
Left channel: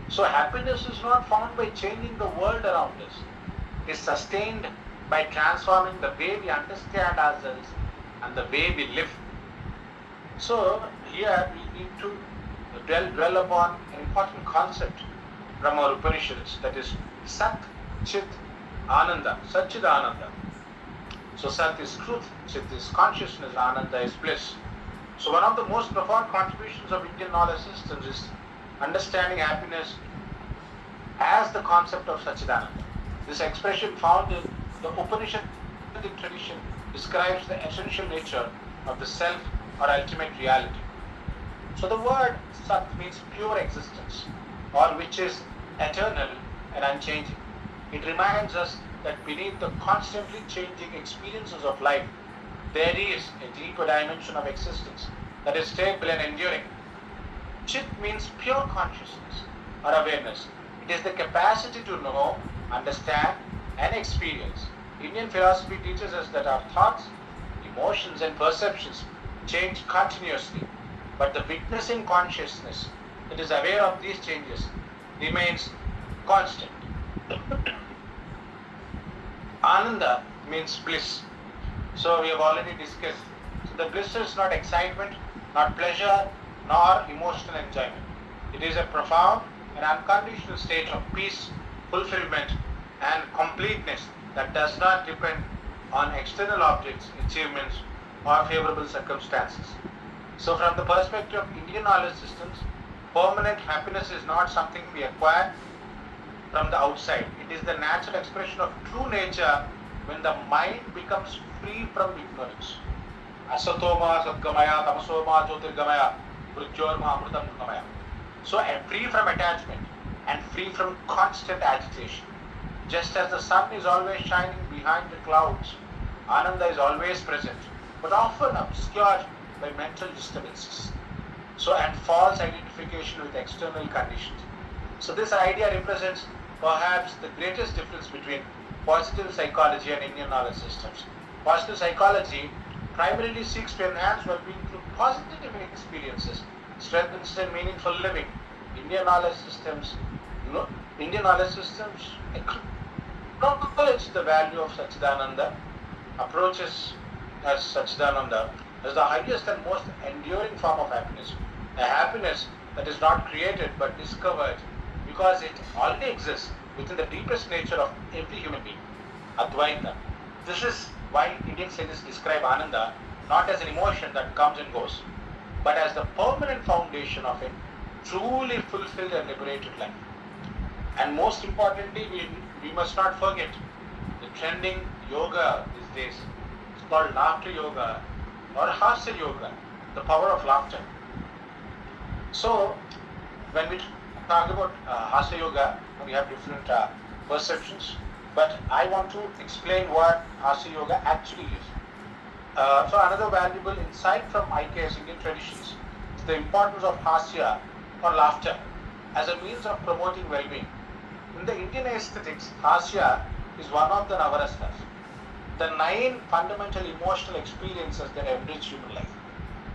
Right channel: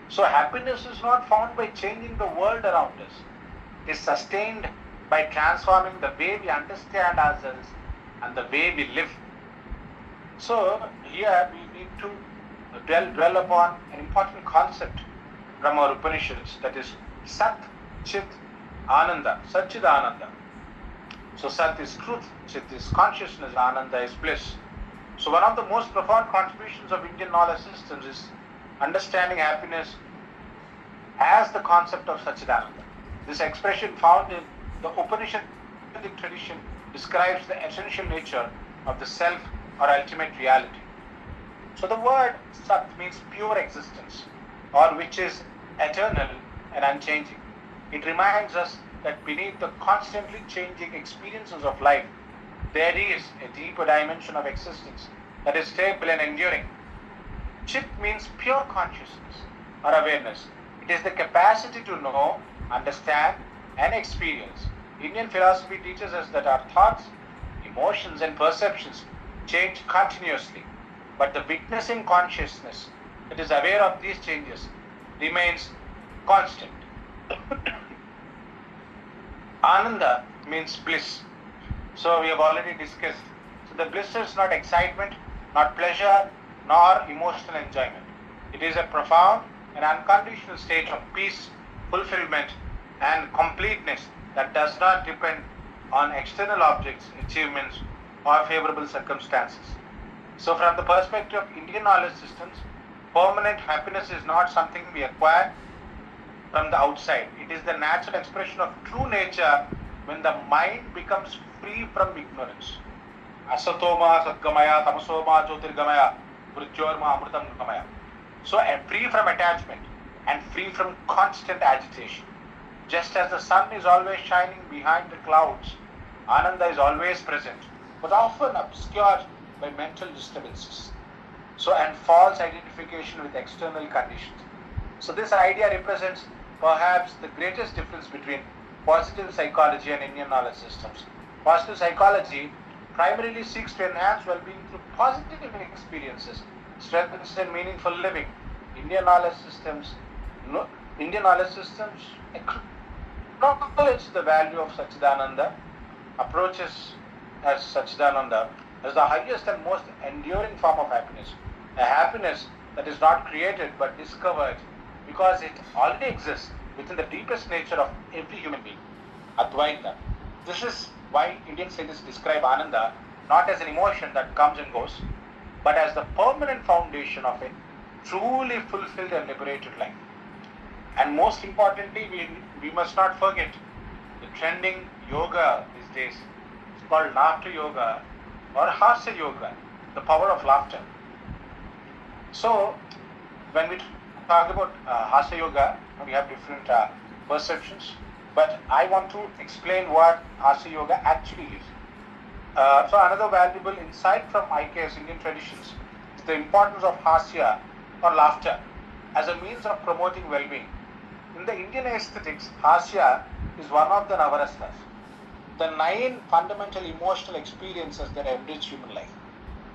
So happiness is not found by changing the world around us. It is sustained by transforming the way we understand ourselves and the way we live. So here we need to dwell upon an important concept from our Upanishads, that is Sat, Chit, Ananda, Satchid Ananda. So Sat is truth, Chit is consciousness, Ananda is bliss. So one of the most profound contributions of Indian knowledge systems is understanding happiness as the concept of Satchidananda. This expression found in the Upanishadic tradition describes the essential nature of the self or ultimate reality. So the word Sat means pure existence, or which is eternal and unchanging. It reminds us that beneath the constantly changing experiences of life, there is a deeper dimension of existence that is stable and enduring. Chit means pure consciousness or awareness. It is the capacity to know, understand, and experience. Indian philosophy teaches us that our thoughts, emotions, and perceptions change continuously, but the witnessing consciousness that is aware of these changes remains constant. Ananda means bliss. So we have already discussed. So the bliss is not excitement, not pleasure, nor emotional enjoyment. It is a profound and unconditional state of peace, fulfillment, and completeness that does not depend on external objects, achievements, or favorable circumstances. So from the perspective of Indian knowledge systems, permanent happiness is not something we acquire from the outside. It is the natural expression of true nature when the mind becomes free from ignorance. Asatoma Satgamaya, Tamasoma Jyotirgamaya, Mrityorma Amritam Gamaya. So free from attachment and free from constant agitation. Just as the sun is always shining behind the clouds, Ananda is always present, but often obscured by mental disturbances. So and false identification with external conditions. So this idea represents perhaps the greatest difference between positive psychology and Indian knowledge systems. Positive psychology primarily seeks to enhance well-being through positive experiences, strengthens and meaningful living. Indian knowledge systems acknowledge the value of Satchidananda, approaches as Satchidananda as the highest and most enduring form of happiness, a happiness that is not created but discovered because it already exists within the deepest nature of every human being, Advaita. This is why Indian sages describe Ananda not as an emotion that comes and goes, but as the permanent foundation of a truly fulfilled and liberated life. And most importantly, we must not forget the trending yoga these days. It's called laughter yoga or hasya yoga, the power of laughter. So, when we talk about hasya yoga, we have different perceptions, but I want to explain what hasya yoga actually is. So another valuable insight from IKS Indian traditions is the importance of hasya or laughter as a means of promoting well-being. In the Indian aesthetics, hasya is one of the navarasas, the 9 fundamental emotional experiences that enrich human life.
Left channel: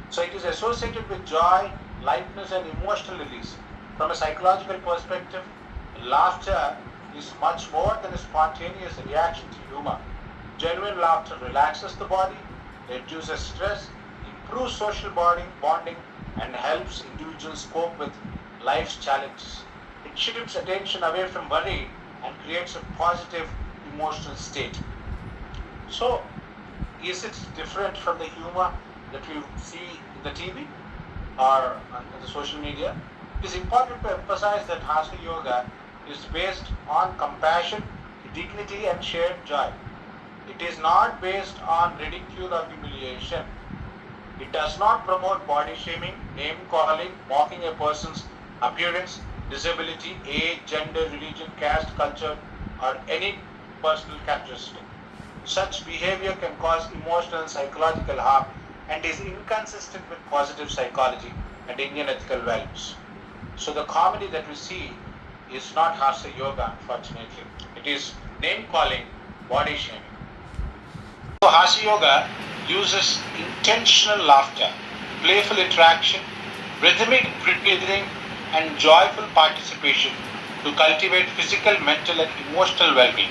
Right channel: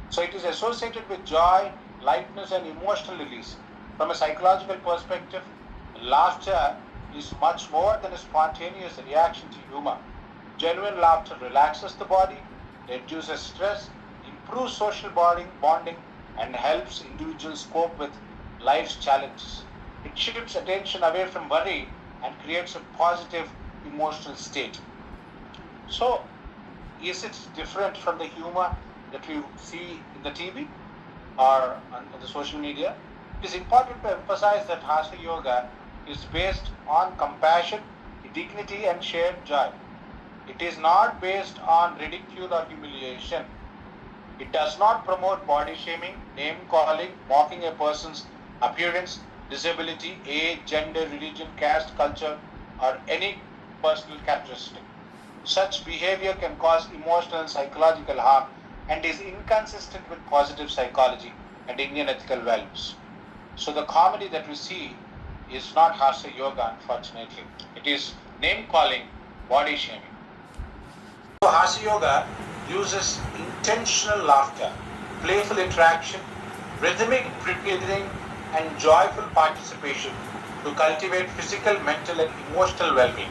So it is associated with joy, lightness, and emotional release. From a psychological perspective, laughter is much more than a spontaneous reaction to humor. Genuine laughter relaxes the body, reduces stress, improves social bonding, and helps individuals cope with life's challenges. It shifts attention away from worry and creates a positive emotional state. So, is it different from the humor that we see in the TV or on the social media? It is important to emphasize that Hasya Yoga is based on compassion, dignity, and shared joy. It is not based on ridicule or humiliation. It does not promote body shaming, name calling, mocking a person's appearance, disability, age, gender, religion, caste, culture, or any personal characteristic. Such behavior can cause emotional and psychological harm and is inconsistent with positive psychology and Indian ethical values. So the comedy that we see is not Hasya Yoga, unfortunately. It is name calling, body shaming. So Hasya Yoga uses intentional laughter, playful interaction, rhythmic breathing, and joyful participation to cultivate physical, mental, and emotional well-being.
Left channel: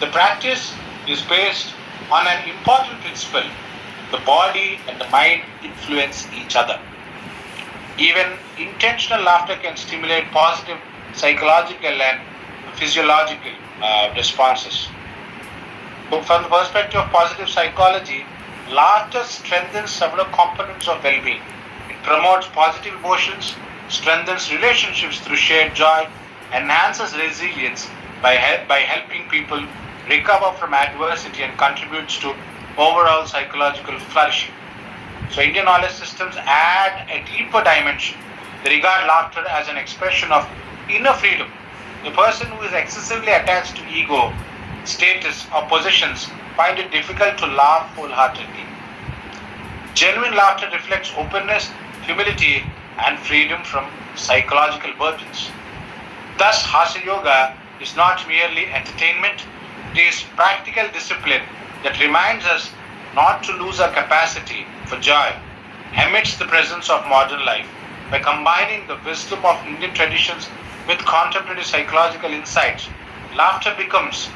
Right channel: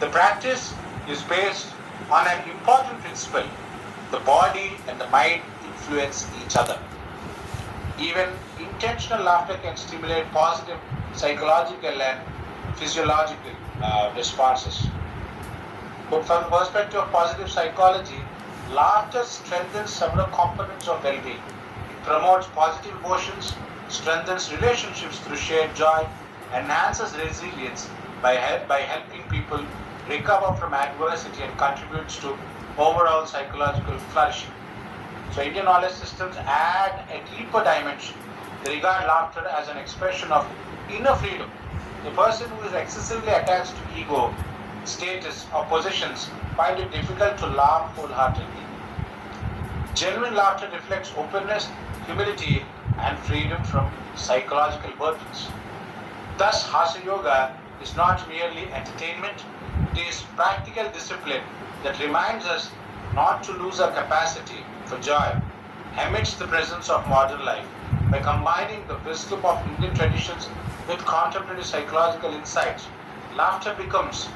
The practice is based on an important principle: the body and the mind influence each other. Even intentional laughter can stimulate positive psychological and physiological responses. But from the perspective of positive psychology, laughter strengthens several components of well-being. It promotes positive emotions, strengthens relationships through shared joy, enhances resilience by helping people recover from adversity, and contributes to overall psychological flourishing. So Indian knowledge systems add a deeper dimension. They regard laughter as an expression of inner freedom. The person who is excessively attached to ego, status, or possessions find it difficult to laugh wholeheartedly. Genuine laughter reflects openness, humility, and freedom from psychological burdens. Thus, Hasya Yoga is not merely entertainment, it is practical discipline that reminds us not to lose our capacity for joy amidst the presence of modern life. By combining the wisdom of Indian traditions with contemporary psychological insights, laughter becomes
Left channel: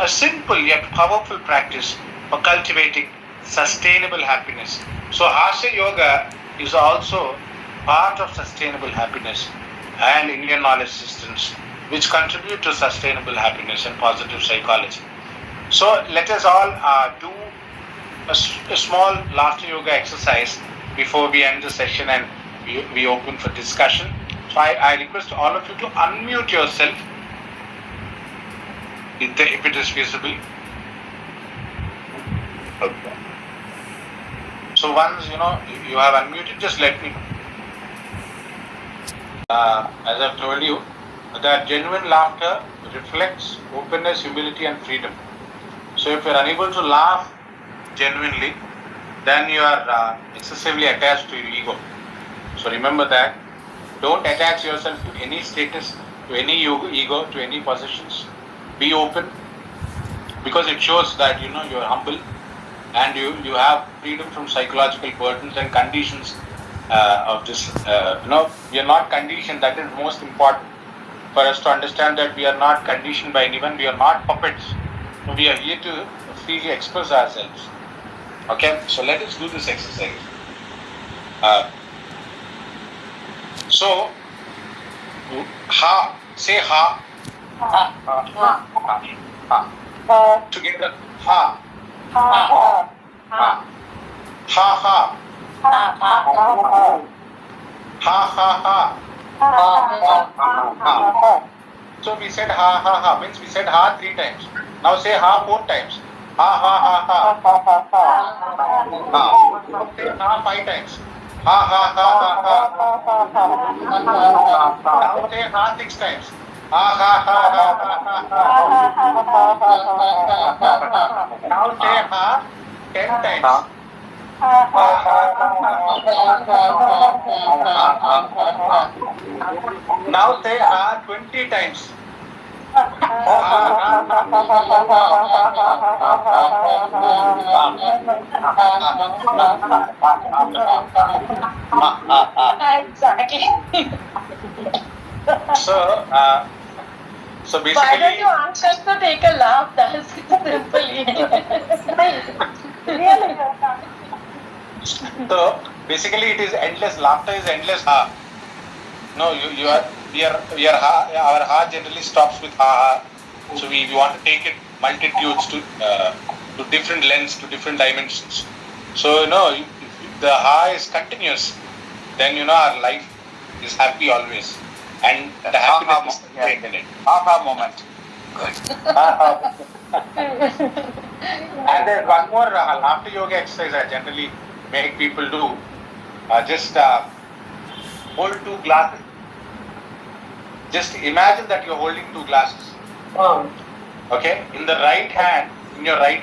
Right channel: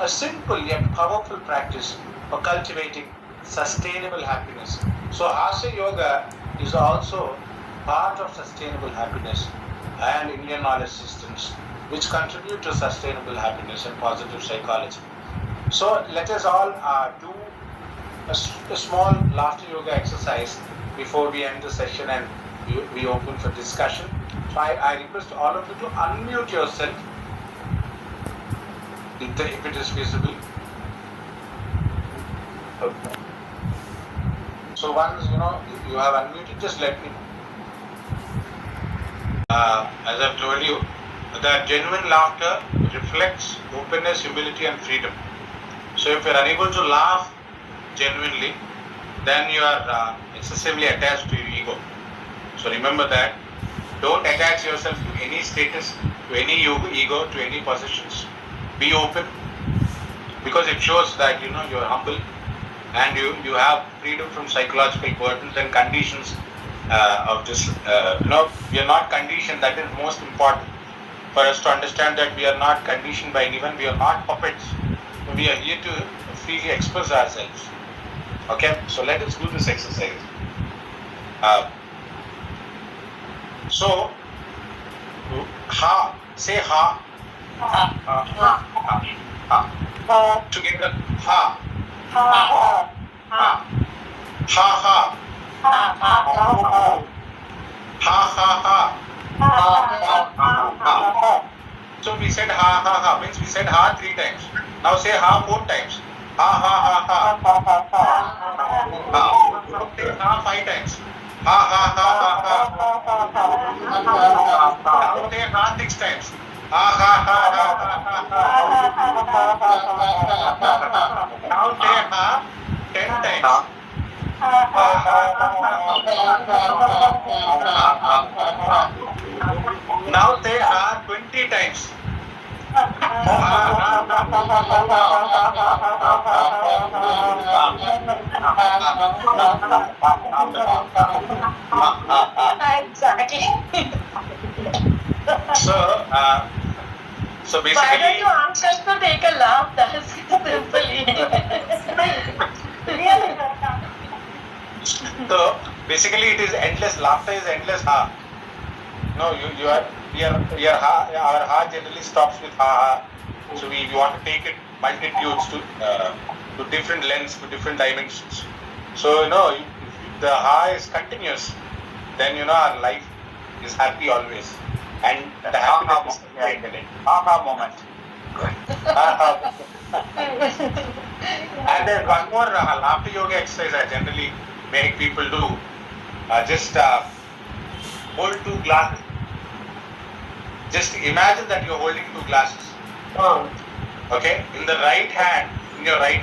a simple yet powerful practice for cultivating sustainable happiness. So, Hasya Yoga is also part of sustainable happiness and Indian knowledge systems which contribute to sustainable happiness and positive psychology. So, let us all do a small laughter yoga exercise before we end the session and we open for discussion. So, I request all of you to unmute yourself if it is feasible. So once you have unmuted, just let me. As I've told you, that genuine laughter reflects openness, humility, and freedom. So if you're unable to laugh genuinely, then you are excessively attached to your ego. So remember that. Don't attach yourself to any status, to any ego, to any possessions. Be open, because it shows that you are humble and you have freedom from psychological burdens and conditions of this. We are not conditioned. That is most important for us to understand, that we are not conditioned by anyone. We are not puppets. We are here to freely express ourselves. Okay, so let us do this exercise. So, ha, say ha. Ha, ha, ha, ha. Together, ha. Ha, ha, ha. Ha, ha. Ha, ha, ha. So we said ha, ha, ha. Means we said ha 3 times. Now say ha 4 times. Ha, ha, ha, ha. Ha. Now say ha 5 times. Ha, ha, ha, ha, ha. Now say ha 6 times. Ha, ha, ha, ha, ha. Now say ha 10 times. Now say ha 20 times. Exactly. So basically. Why don't you ask us to take a laugh? That is simple. So basically, it is endless. Laughter is endless. No, our ha generally stops with ha. So we want to take it multitudes to different lengths, to different dimensions. So if the ha is continuous, then our life is happy always, and the happiness is in it. Ha moment. And then one more laughter yoga exercise I generally make people do. Just hold 2 glasses. Just imagine that you're holding 2 glasses. Okay? In your right hand, in the right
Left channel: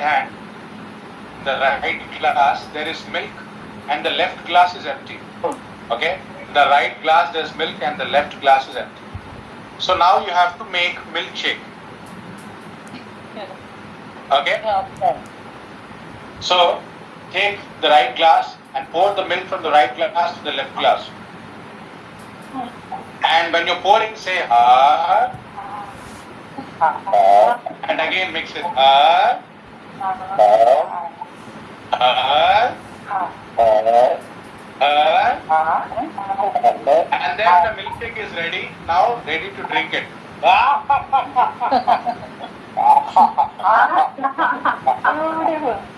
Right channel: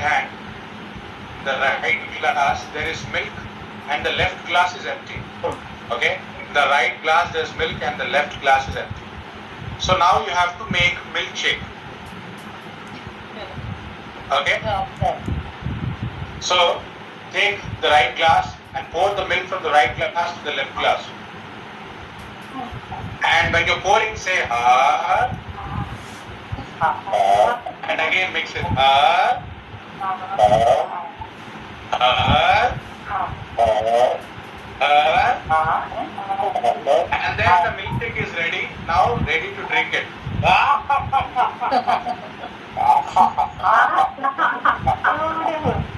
glass, there is milk and the left glass is empty. Okay? In the right glass, there's milk and the left glass is empty. So now you have to make milkshake. Okay? So take the right glass and pour the milk from the right glass to the left glass. And when you're pouring, say ha. And again mix it. And then the milkshake is ready. Now ready to drink it.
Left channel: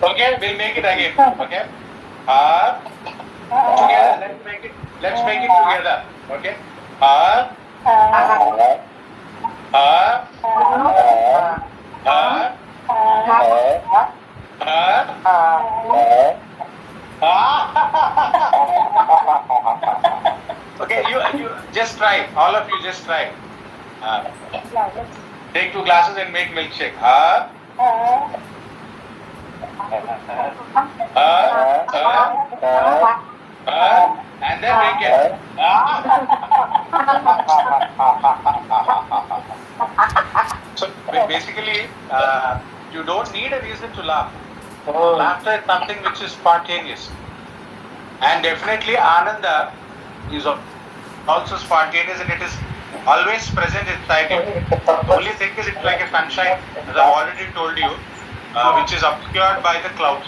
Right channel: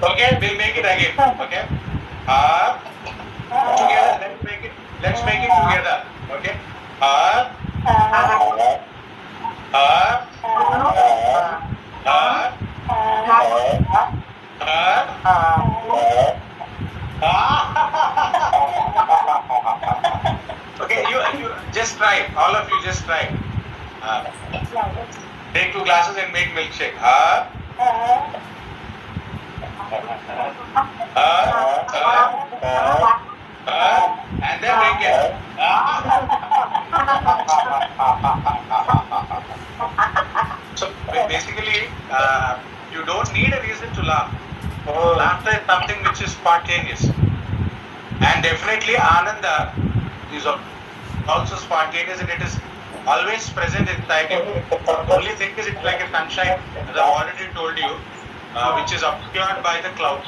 Okay, we'll make it again. Okay. Together, let's make it together. Okay. Okay, you just try. All of you just try. Take 2 glasses and make milkshake. And then drink it. So basically, you don't need a reason to laugh. Laughter is something which is spontaneous. And definitely Ananda is also spontaneous and it is always present inside you. The only thing is it's like a sunshine, as I've already told you, which is obscured by the clouds.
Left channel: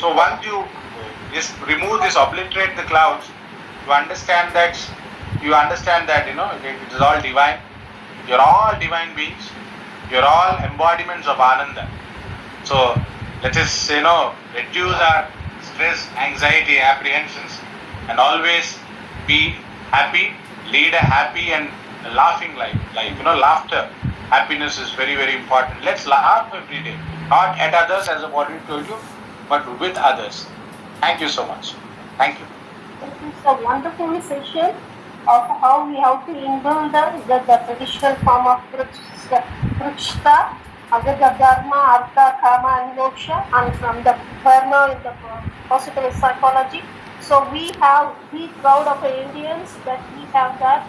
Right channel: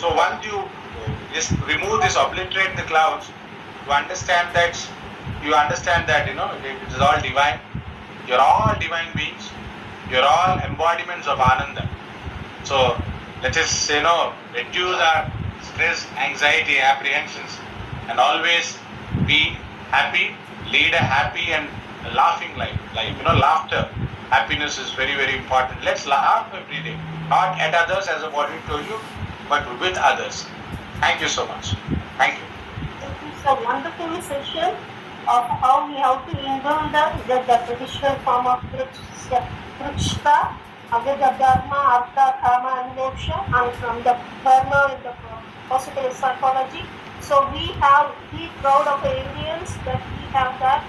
So once you remove this, obliterate the clouds, you understand that it is all divine. You're all divine beings. You're all embodiments of Ananda. So let us reduce our stress, anxiety, apprehensions, and always be happy, lead a happy and laughing life. Laughter, happiness is very, very important. Let's laugh every day, not at others, as I've already told you, but with others. Thank you so much. Thank you. It is a wonderful essential of how we have to indulge the traditional form of Krishna, the Dharma, Artha, Kama, and Moksha, and from the Dharma in the positive psychology. So we proud of the Indians that we have that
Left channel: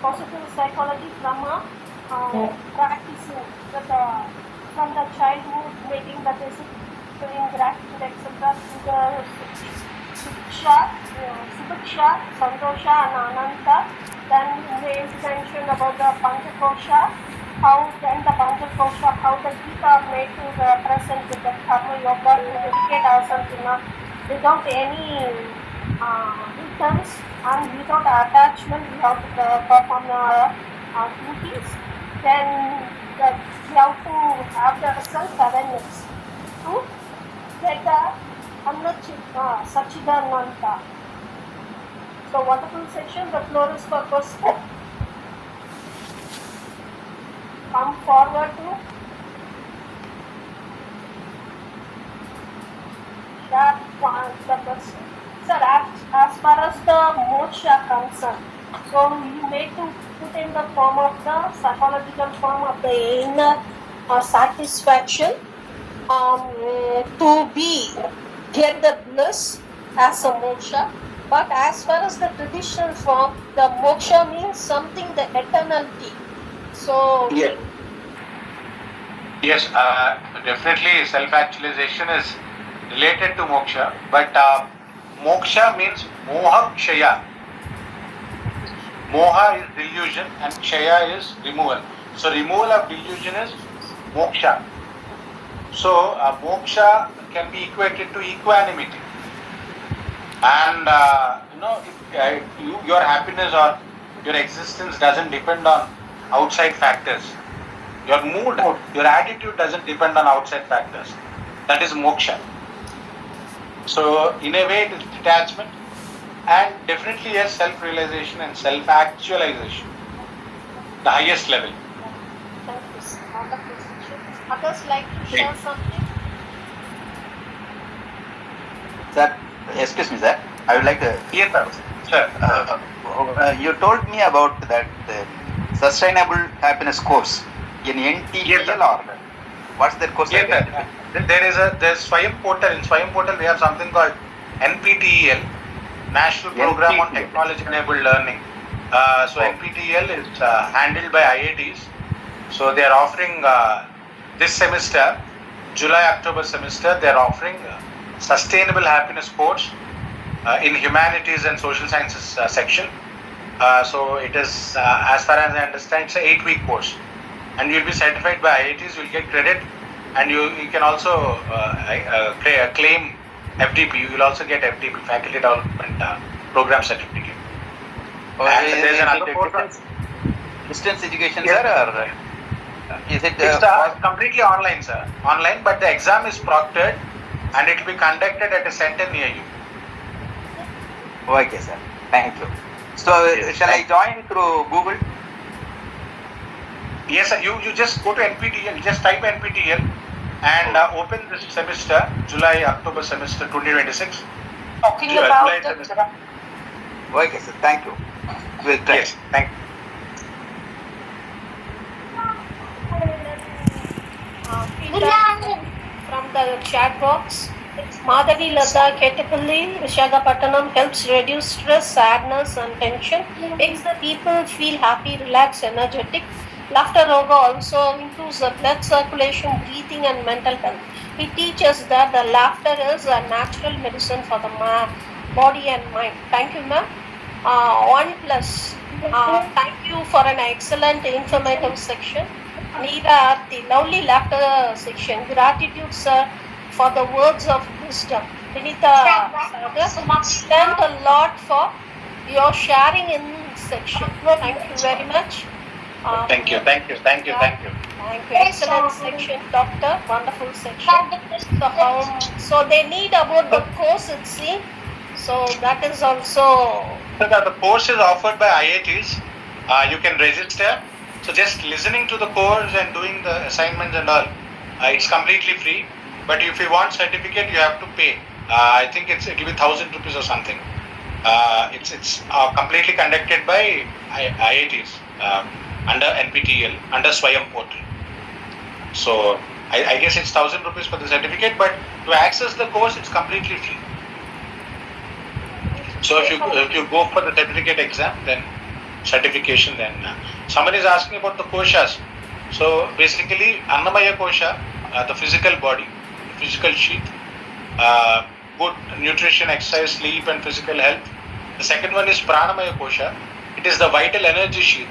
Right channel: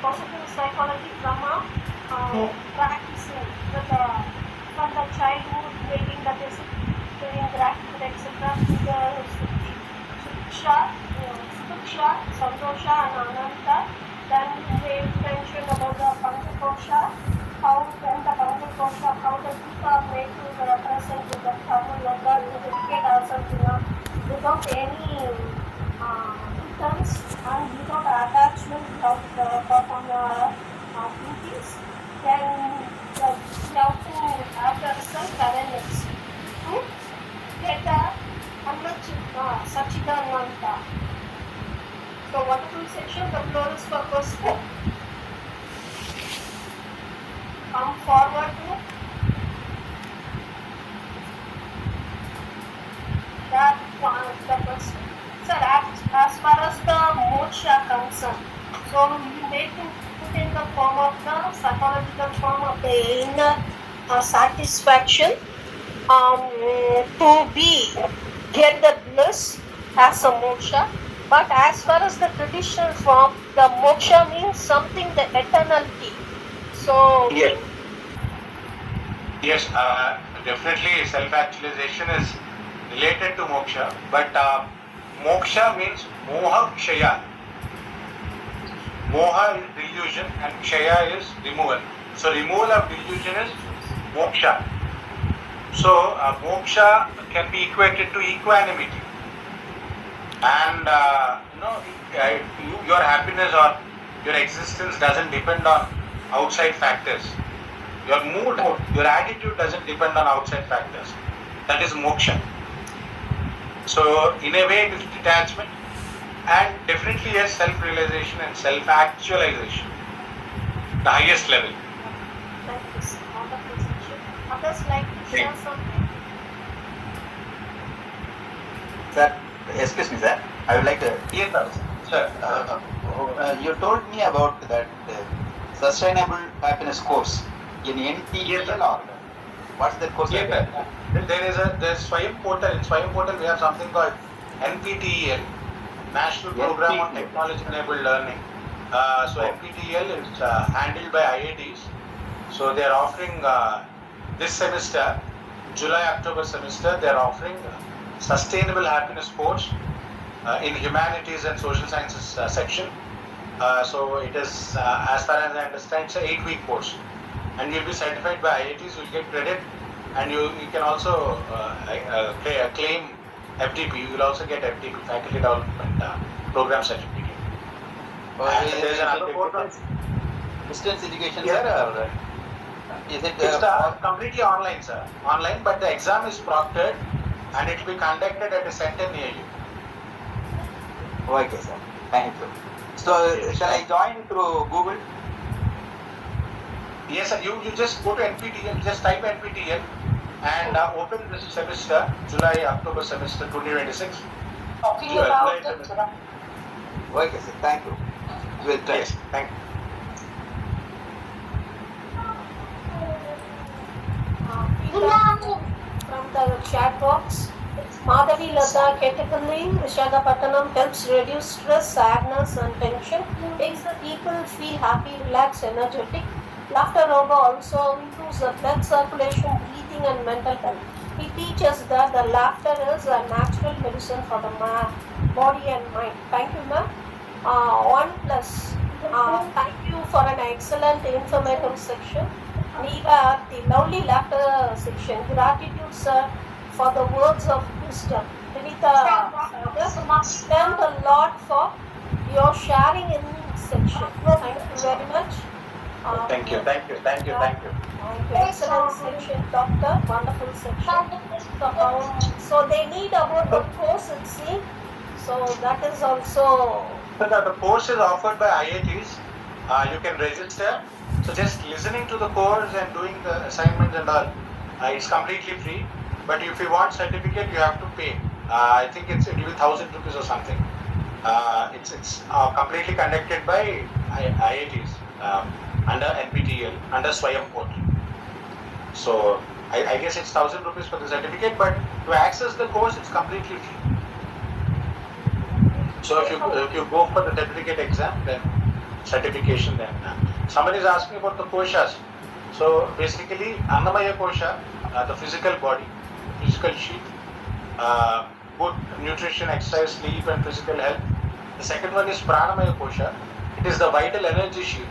positive psychology from a practice from the childhood, making the basic doing gratitude, etc. to the Subiksha, Santosha, and Ananta. Then we mentioned about the Panchakosha, how the Gita are made to the present with the Karma Yoga to dedicate ourselves without any returns and without attachment. We have to perform our duties. Then we have to have the self-awareness to get the Sachidananda. So wonderful section. The floor is for question. Come forward to that the question. Sir, as far as the moksha concerned, so you need to put in the form of the psychological form of the inner satisfaction to get the bliss as a moksha. But as far as the traditional form, the moksha means something, the eternality. So Yes, definitely self-actualization is related to moksha, but moksha means moha kshaya. Moha is delusion and kshaya is removal. So removal of delusion is moksha. So moksha can be equated to equanimity. And your happiness or your existence doesn't depend on outside factors. Your mood, your attitude doesn't depend on outside factors. That is moksha. So in a way, it is detachment and definitely a self-realization and self-actualization, the highest level. Others like to share something? Sir, excuse me, sir. I would like to. Yes, sir. You told me about that sustainable happiness course in NTL or what's that course? Yes, sir. There's Swayam Portal. In Swayam Portal, we have something called NPTEL, National Program on Technology Enabled Learning. So NPTEL is handled by IITs. So they are offering this semester, July-October semester, they are offering sustainable happiness course in humanities and social sciences section. So it is, as far as I understand, it's an 8-week course, and you'll be certified by IITs. You'll get credit, and you can also claim FDP. You will also get FDP, Faculty Development Program Certificate. And there's another course. Distance education, sir, or is it? It's completely online, sir. Online, but the exam is proctored, and it will be conducted at a center near you. Okay, sir. Thank you. So, shall I join through Google? Yes, sir. You just go to NPTEL, just type NPTEL and open this semester, July-October semester 2026. Talking about the Okay, sir. Thank you. We'll try. Yes, thank you. feedback from the chat box. Madhavi Lata Ketapalli, Visakhapatnam helps reduce stress, sadness, and tension, makes the people feel happy, relaxed, energetic. Laughter yoga also improves the blood circulation, breathing, and mental health. It teaches that the laughter is a natural medicine for the body and mind. Thank you, ma'am. One plus. Thank you for an excellent informative section. Neera, the lovely laughter section. Gratitude, sir, for the words of wisdom. Vinita Sagar, we learned a lot for your sharing in this section. Thank you very much. Thank you. Thank you. Excellent section, doctor. Wonderful section. So they need about the course, it seems. So that is also. The course is offered by IITs. You can register. So just listening to the course and doing the assignments and all, it's completely free. But if you want certificate, you have to pay. I think it's give 1,000 rupees or something. It's completely conducted by IITs under NPTEL, under Swayam portal. So I guess it's 1,000 rupees for the certificate, but to access the course, it's completely free. So if you go for the certificate exam, then certification, then somebody is asking about the koshas. So basically, Annamaya kosha, the physical body, physical sheath, good nutrition, exercise, sleep, and physical health. The second one is Pranamaya kosha. It is the vital energy sheath.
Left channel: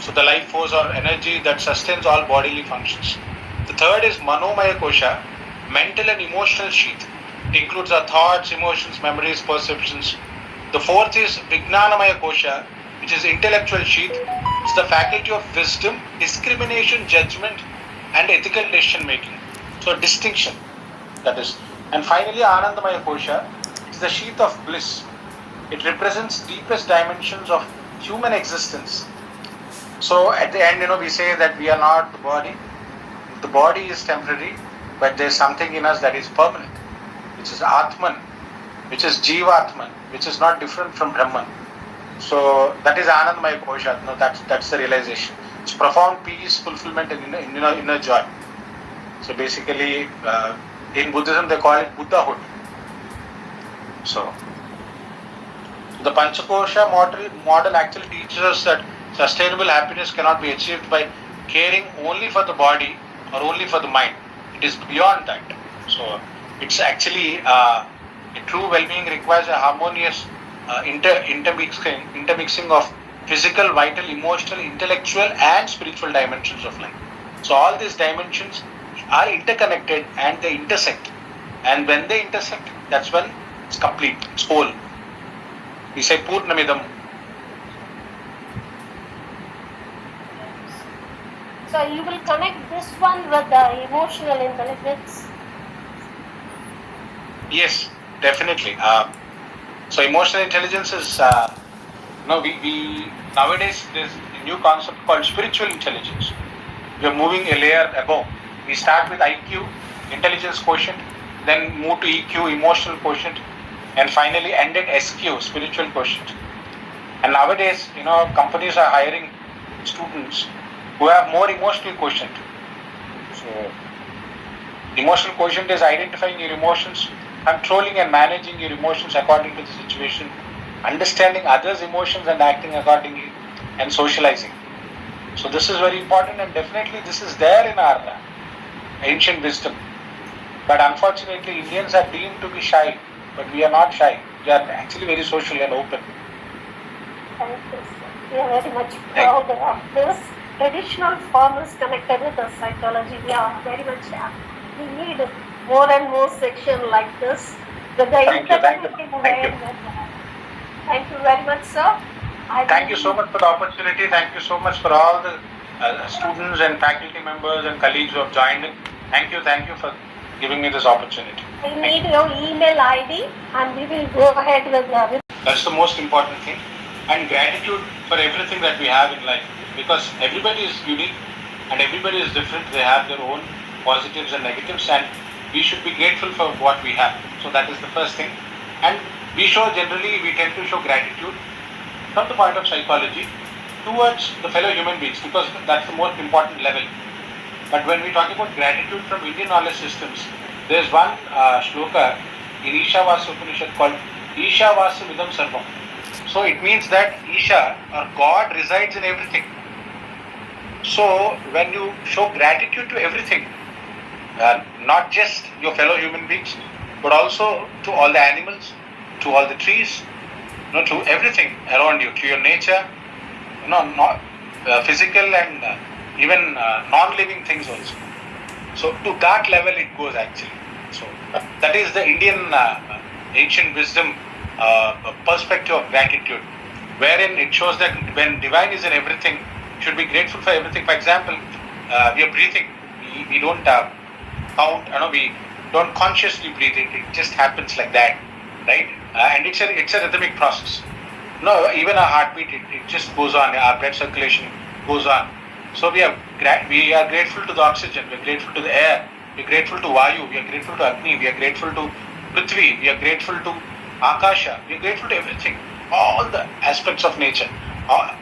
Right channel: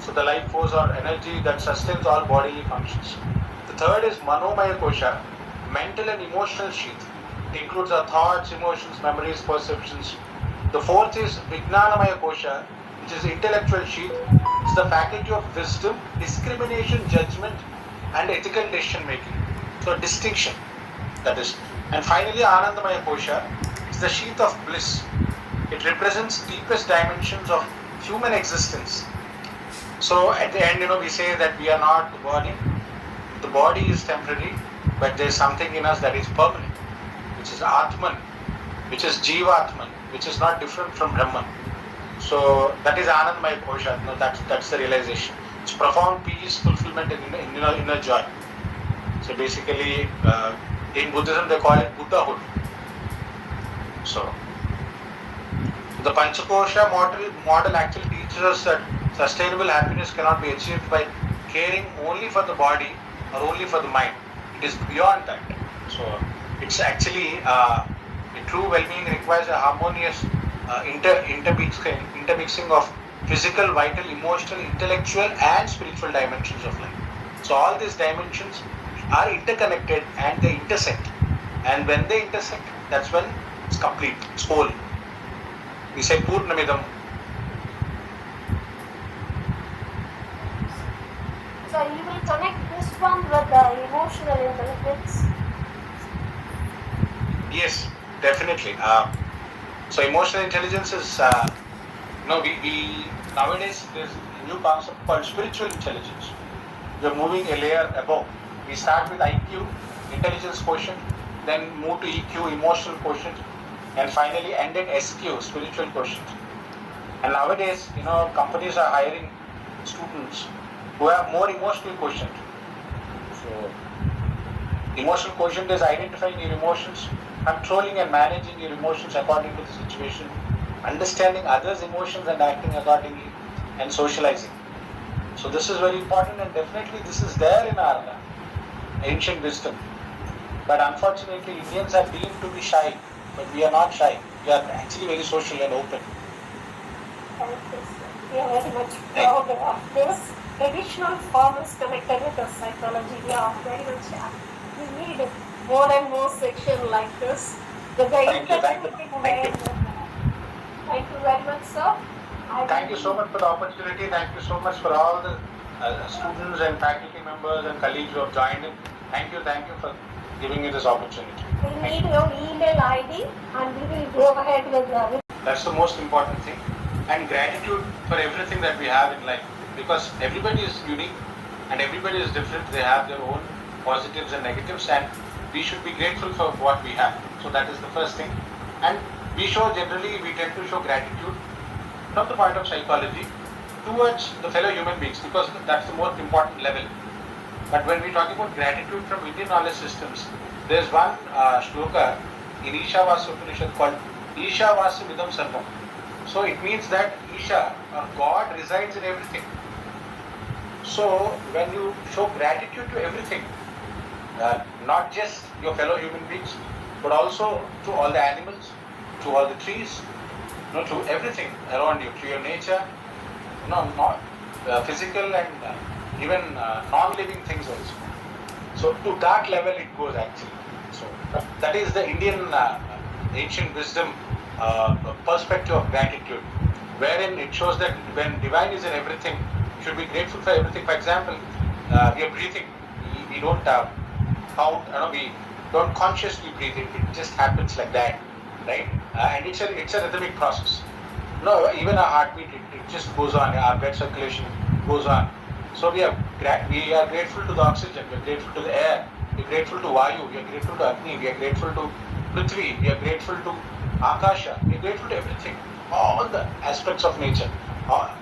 So the life force or energy that sustains all bodily functions. The third is Manomaya kosha, mental and emotional sheath. It includes our thoughts, emotions, memories, perceptions. The fourth is Vijnanamaya kosha, which is intellectual sheath. It's the faculty of wisdom, discrimination, judgment, and ethical decision making. So distinction, that is. And finally, Anandamaya kosha is the sheath of bliss. It represents deepest dimensions of human existence. So at the end, we say that we are not the body. The body is temporary, but there is something in us that is permanent, which is Atman, which is Jivatman, which is not different from Brahman. So that is Anandamaya kosha. That's the realization. It's profound peace, fulfillment, and inner joy. So basically, in Buddhism they call it Buddhahood. So the Panchakosha model actually teaches us that sustainable happiness cannot be achieved by caring only for the body or only for the mind. It is beyond that. So it's actually a true well-being requires a harmonious intermixing of physical, vital, emotional, intellectual, and spiritual dimensions of life. So all these dimensions are interconnected and they intersect. And when they intersect, that's when it's complete, it's whole. We say Purnamidam. So you will connect this one with the emotional intelligence. Yes, definitely. So emotional intelligence is, we nowadays there's a new concept called spiritual intelligence. You're moving a layer above. We start with IQ, intelligence quotient, then move to EQ, emotional quotient, and finally end at SQ, spiritual quotient. And nowadays, companies are hiring students who have more emotional quotient. So, emotional quotient is identifying your emotions, controlling and managing your emotions according to the situation, understanding others' emotions and acting accordingly, and socializing. So this is very important, and definitely this is there in our ancient wisdom. But unfortunately, Indians are deemed to be shy, but we are not shy. We are actually very social and open. Thank you. We are very much proud of this. Traditional form is connected with the psychology. We are very much happy. We need more and more section like this. Thank you very much, sir. Thank you so much for the opportunity. Thank you so much for all the students and faculty members and colleagues who have joined in. Thank you for giving me this opportunity. We need your email ID and we will go ahead with the. That's the most important thing. And gratitude for everything that we have in life. Because everybody is unique and everybody is different. They have their own positives and negatives, and we should be grateful for what we have. So that is the first thing. And we tend to show gratitude from the point of psychology towards the fellow human beings, because that's the most important level. But when we talk about gratitude from Indian knowledge systems, there's one shloka in Ishavasya Upanishad called Ishavasya Vidam Sarvam. So it means that Isha or God resides in everything. So when you show gratitude to everything, not just your fellow human beings, but also to all the animals, to all the trees, to everything around you, to your nature, not physical and even non-living things also. So to that level it goes actually. So that is the Indian ancient wisdom perspective of gratitude, wherein it shows that when divine is in everything, you should be grateful for everything. For example, we are breathing. We don't count. We don't consciously breathe it. It just happens like that, right? And it's a rhythmic process. No, even our heartbeat, it just goes on. Our blood circulation goes on. So we are grateful to the oxygen. We are grateful to the air. We are grateful to Vayu. We are grateful to Agni. We are grateful to Prithvi. We are grateful to Akasha. We are grateful to everything. All the aspects of nature.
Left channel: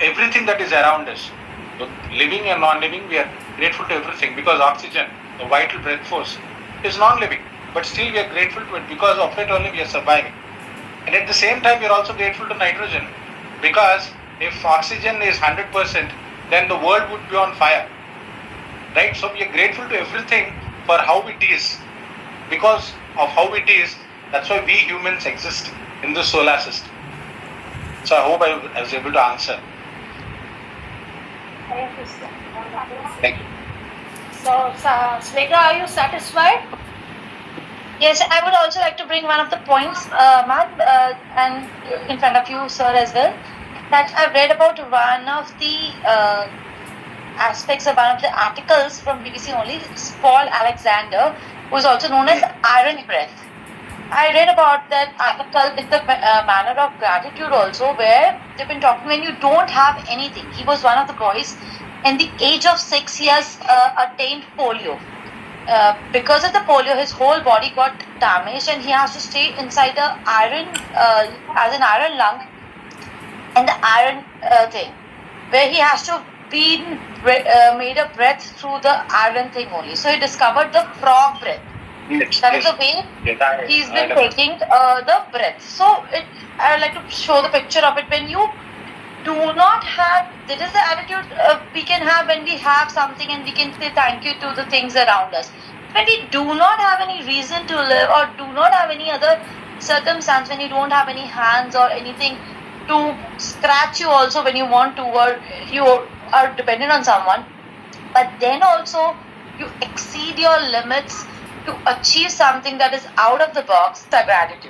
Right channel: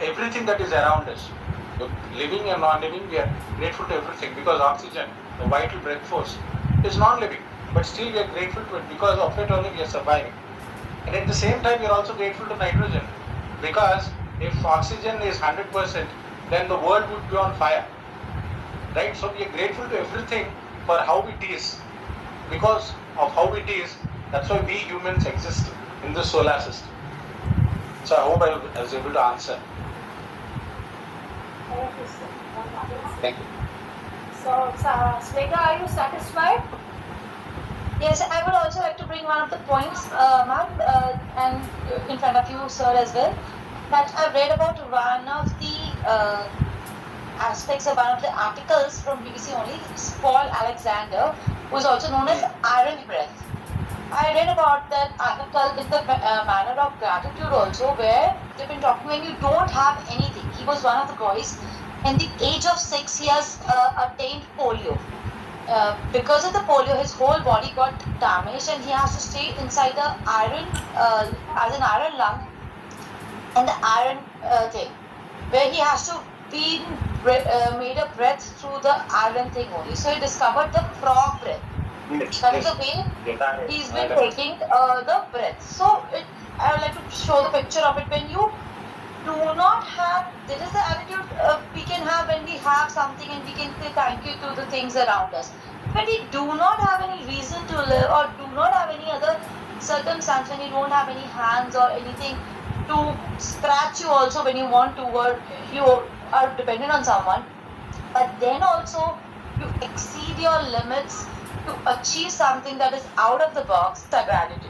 Everything that is around us. So living and non-living, we are grateful to everything because oxygen, the vital breath force, is non-living. But still we are grateful to it because of it only we are surviving. And at the same time, we are also grateful to nitrogen because if oxygen is 100%, then the world would be on fire. Right? So we are grateful to everything for how it is. Because of how it is, that's why we humans exist in the solar system. So I hope I was able to answer. Thank you. So, Smegha, are you satisfied? Yes, I would also like to bring one of the points, Matt, and in front of you, sir, as well, that I've read about one of the aspects of one of the articles from BBC only. It's Paul Alexander, who is also known as Iron Breath. I read about that article in the manner of gratitude also, where they've been talking when you don't have anything. He was one of the boys. In the age of 6 years, attained polio. Because of the polio, his whole body got damaged, and he has to stay inside the iron, as an iron lung, and the iron thing, where he has to be made a breath through the iron thing only. So he discovered the frog breath. That is the way he's been taking the breath. So I would like to show the picture of it. When you do not have, this is the attitude we can have when we have something and we can say thank you to the things around us. When we do not have any reason to live or do not have any other circumstance, when you don't have any hands or anything to scratch you also when you want to, or you are dependent on someone, but then also you exceed your limits to achieve something that is out of the box, the gratitude.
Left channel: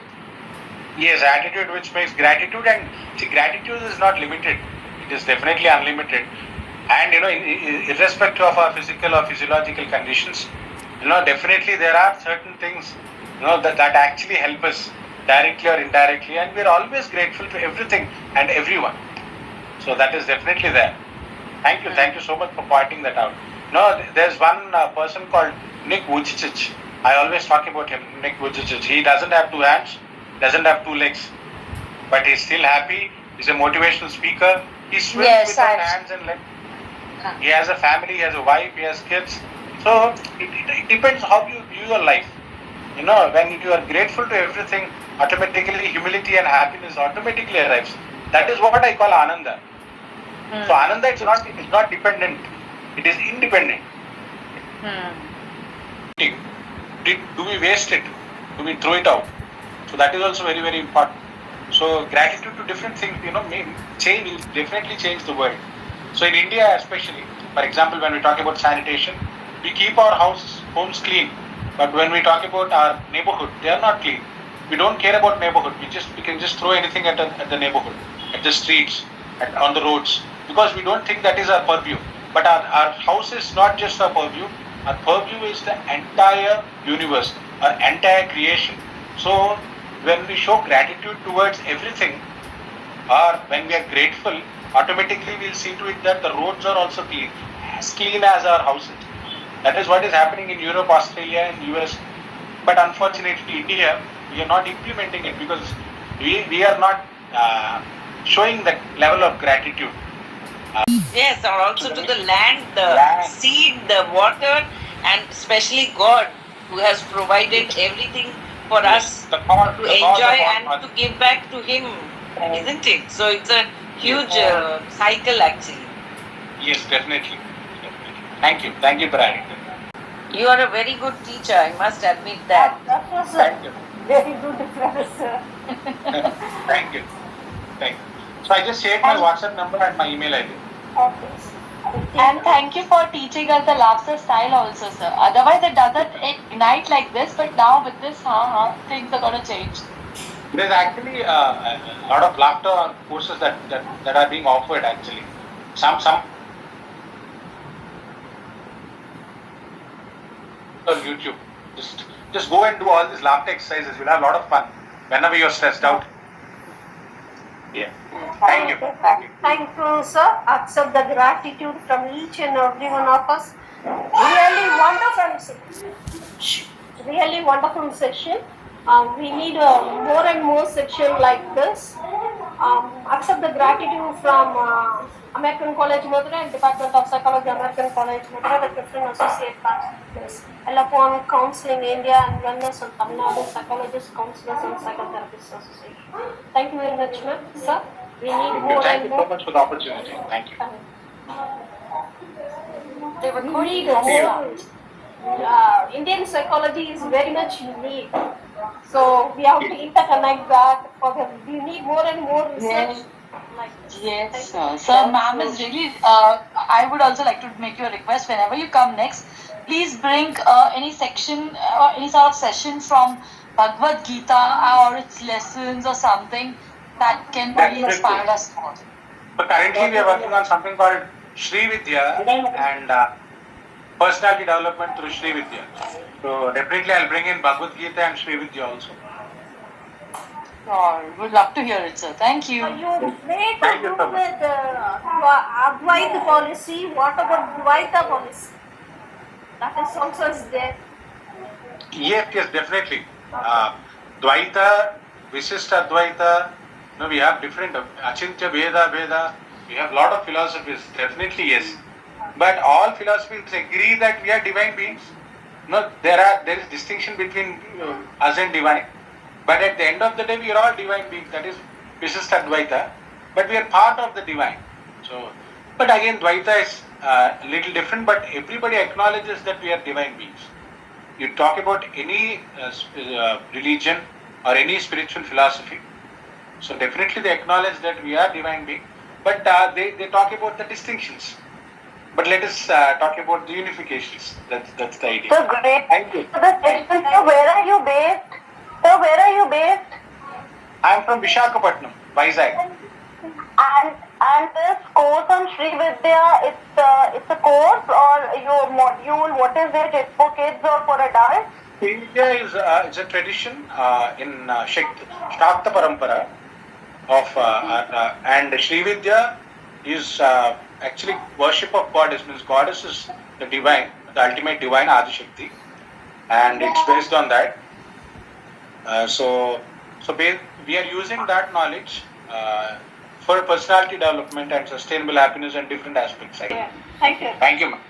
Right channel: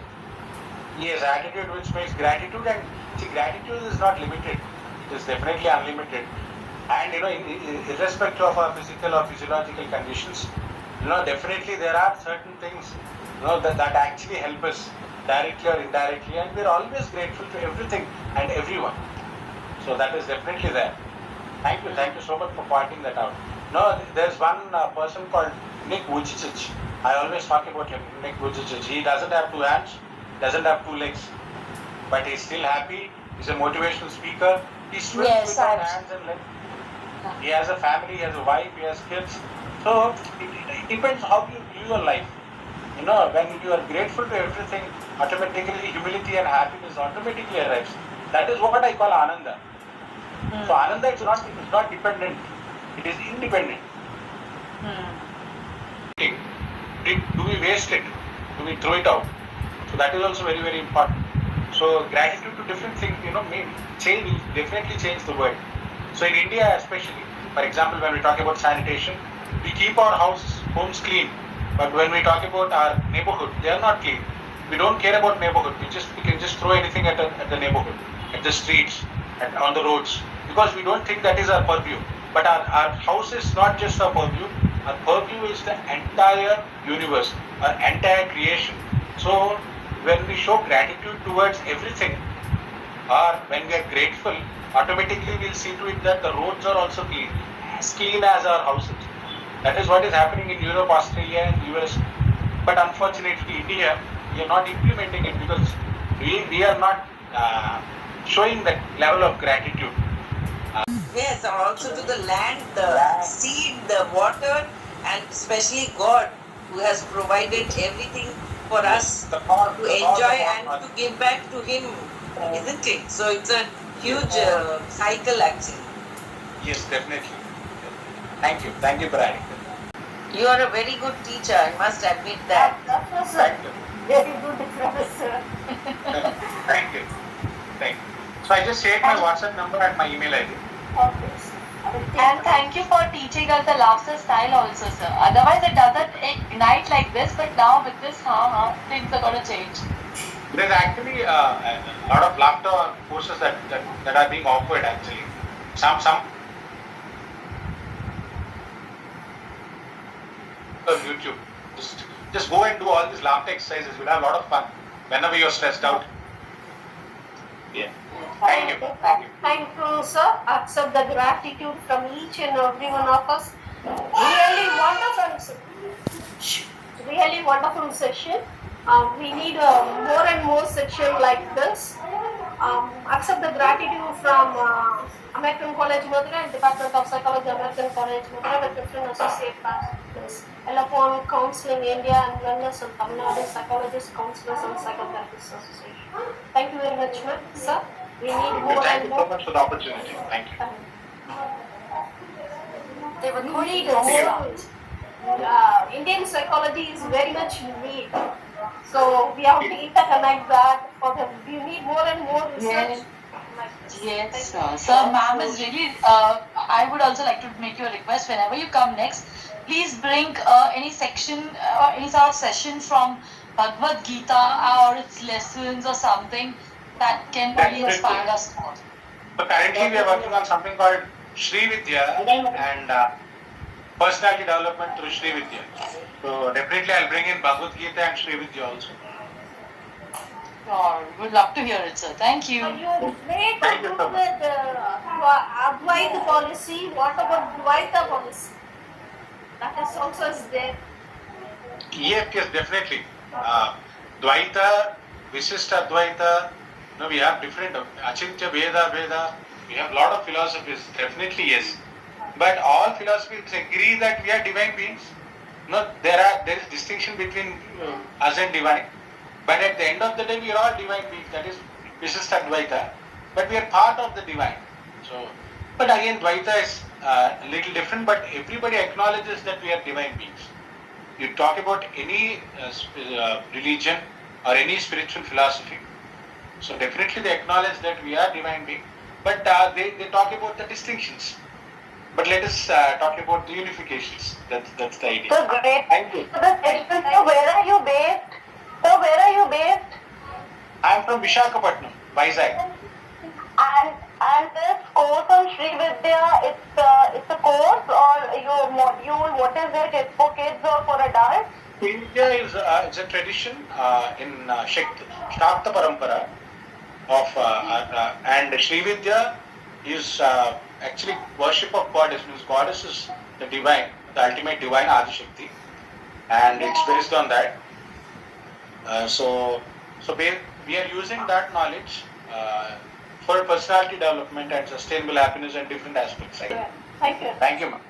Yes, attitude which makes gratitude, and see, gratitude is not limited. It is definitely unlimited. And irrespective of our physical or physiological conditions, definitely there are certain things, that actually help us directly or indirectly, and we're always grateful to everything and everyone. So that is definitely there. Thank you so much for pointing that out. There's one person called Nick Vujicic. I always talk about him, Nick Vujicic. He doesn't have 2 hands, doesn't have 2 legs, but he's still happy. He's a motivational speaker. He swims without hands and legs. He has a family, he has a wife, he has kids. So it depends how you view your life. When you are grateful to everything, automatically humility and happiness automatically arrives. That is what I call Ananda. So Ananda is not dependent, it is independent. Do we waste it? Do we throw it out? So that is also very, very important. So gratitude to different things, definitely change the world. So in India especially, for example, when we talk about sanitation, we keep our homes clean. But when we talk about our neighborhood, they are not clean. We don't care about neighborhood. We can just throw anything at the neighborhood, at the streets, on the roads, because we don't think that is our purview. But our house is not just our purview. Our purview is the entire universe, our entire creation. So when we show gratitude towards everything, or when we are grateful, automatically we'll see to it that the roads are also clean as our houses. That is what is happening in Europe, Australia, and US. But unfortunately, India, we are not implementing it because we are not showing that level of gratitude. Yes, or also to the land, the seed, the water, and especially God, who has provided everything for us The cause to of enjoy all and to give back to him, isn't it? So it's a huge cycle actually. Yes, definitely. Thank you for adding that. You are a very good teacher, I must admit that. That was a Thank you. very good professor. Thank you. So I just shared my WhatsApp number and my email ID. Okay. And thank you for teaching us the laughter style also, sir. Otherwise, it doesn't ignite like this, but now with this, things are going to change. There's actually a lot of laughter courses that are being offered actually. Some on YouTube. Just go and do all these laughter exercises. You'll have a lot of fun whenever you're stressed out. Yeah. Thank you. Thank you, sir. Accept the gratitude from each and every one of us. Really wonderful. Really wonderful session. We need more and more session like this. Accept the gratitude from American College Madurai and Department of Psychology, American College Madurai, the different associate partners, Electronic Counseling India and Wellness and Tamil Nadu Psychologists, Counselors and Psychotherapists Association. Thank you very much, ma'am. Sir, we need more Thank and you more. so much for the opportunity. Thank you. We need more. Indian psychology is very much unique. So we have to interconnect that for the, we need more and more research. Yes, sir. Sir, ma'am is really. I would also like to make you a request. Whenever you come next, please bring any section or any sort of session from Bhagavad Gita or its lessons or something that can really inspire us more. But currently we are working on something called Sri Vidya and personality development through Sri Vidya. So definitely I'll bring in Bhagavad Gita and Sri Vidya also. Sure. Would love to hear it, sir. Thank you. You may to do with Advaita policy. What about Dvaita policy? That is also is there. Yes, definitely. Dvaita, Visishta Advaita, we have different Achintya Veda. We have a lot of philosophies, definitely yes. But all philosophies agree that we are divine beings. No, there is distinction between us and divine. But at the end of the day, we are all divine beings. That is Visishta Advaita. But we are part of the divine. So, but again, Dvaita is a little different. But everybody acknowledges that we are divine beings. You talk about any religion or any spiritual philosophy. So definitely they acknowledge that we are divine beings. But they talk about the distinctions. But let us talk about the unifications. That's the idea. So great. Thank you. So where are you based? So where are you based? I am from Visakhapatnam, Vizag. And this course on Sri Vidya, it's a course or your module? What is it? It's for kids or for adults? Sri Vidya is it's a tradition in Shakta Parampara of and Sri Vidya is actually worship of goddess. Means goddess is the divine, the ultimate divine Adi Shakti, and it's based on that. So we are using that knowledge for personality development and sustainable happiness and different aspects. Yeah. Thank you. Thank you, ma'am.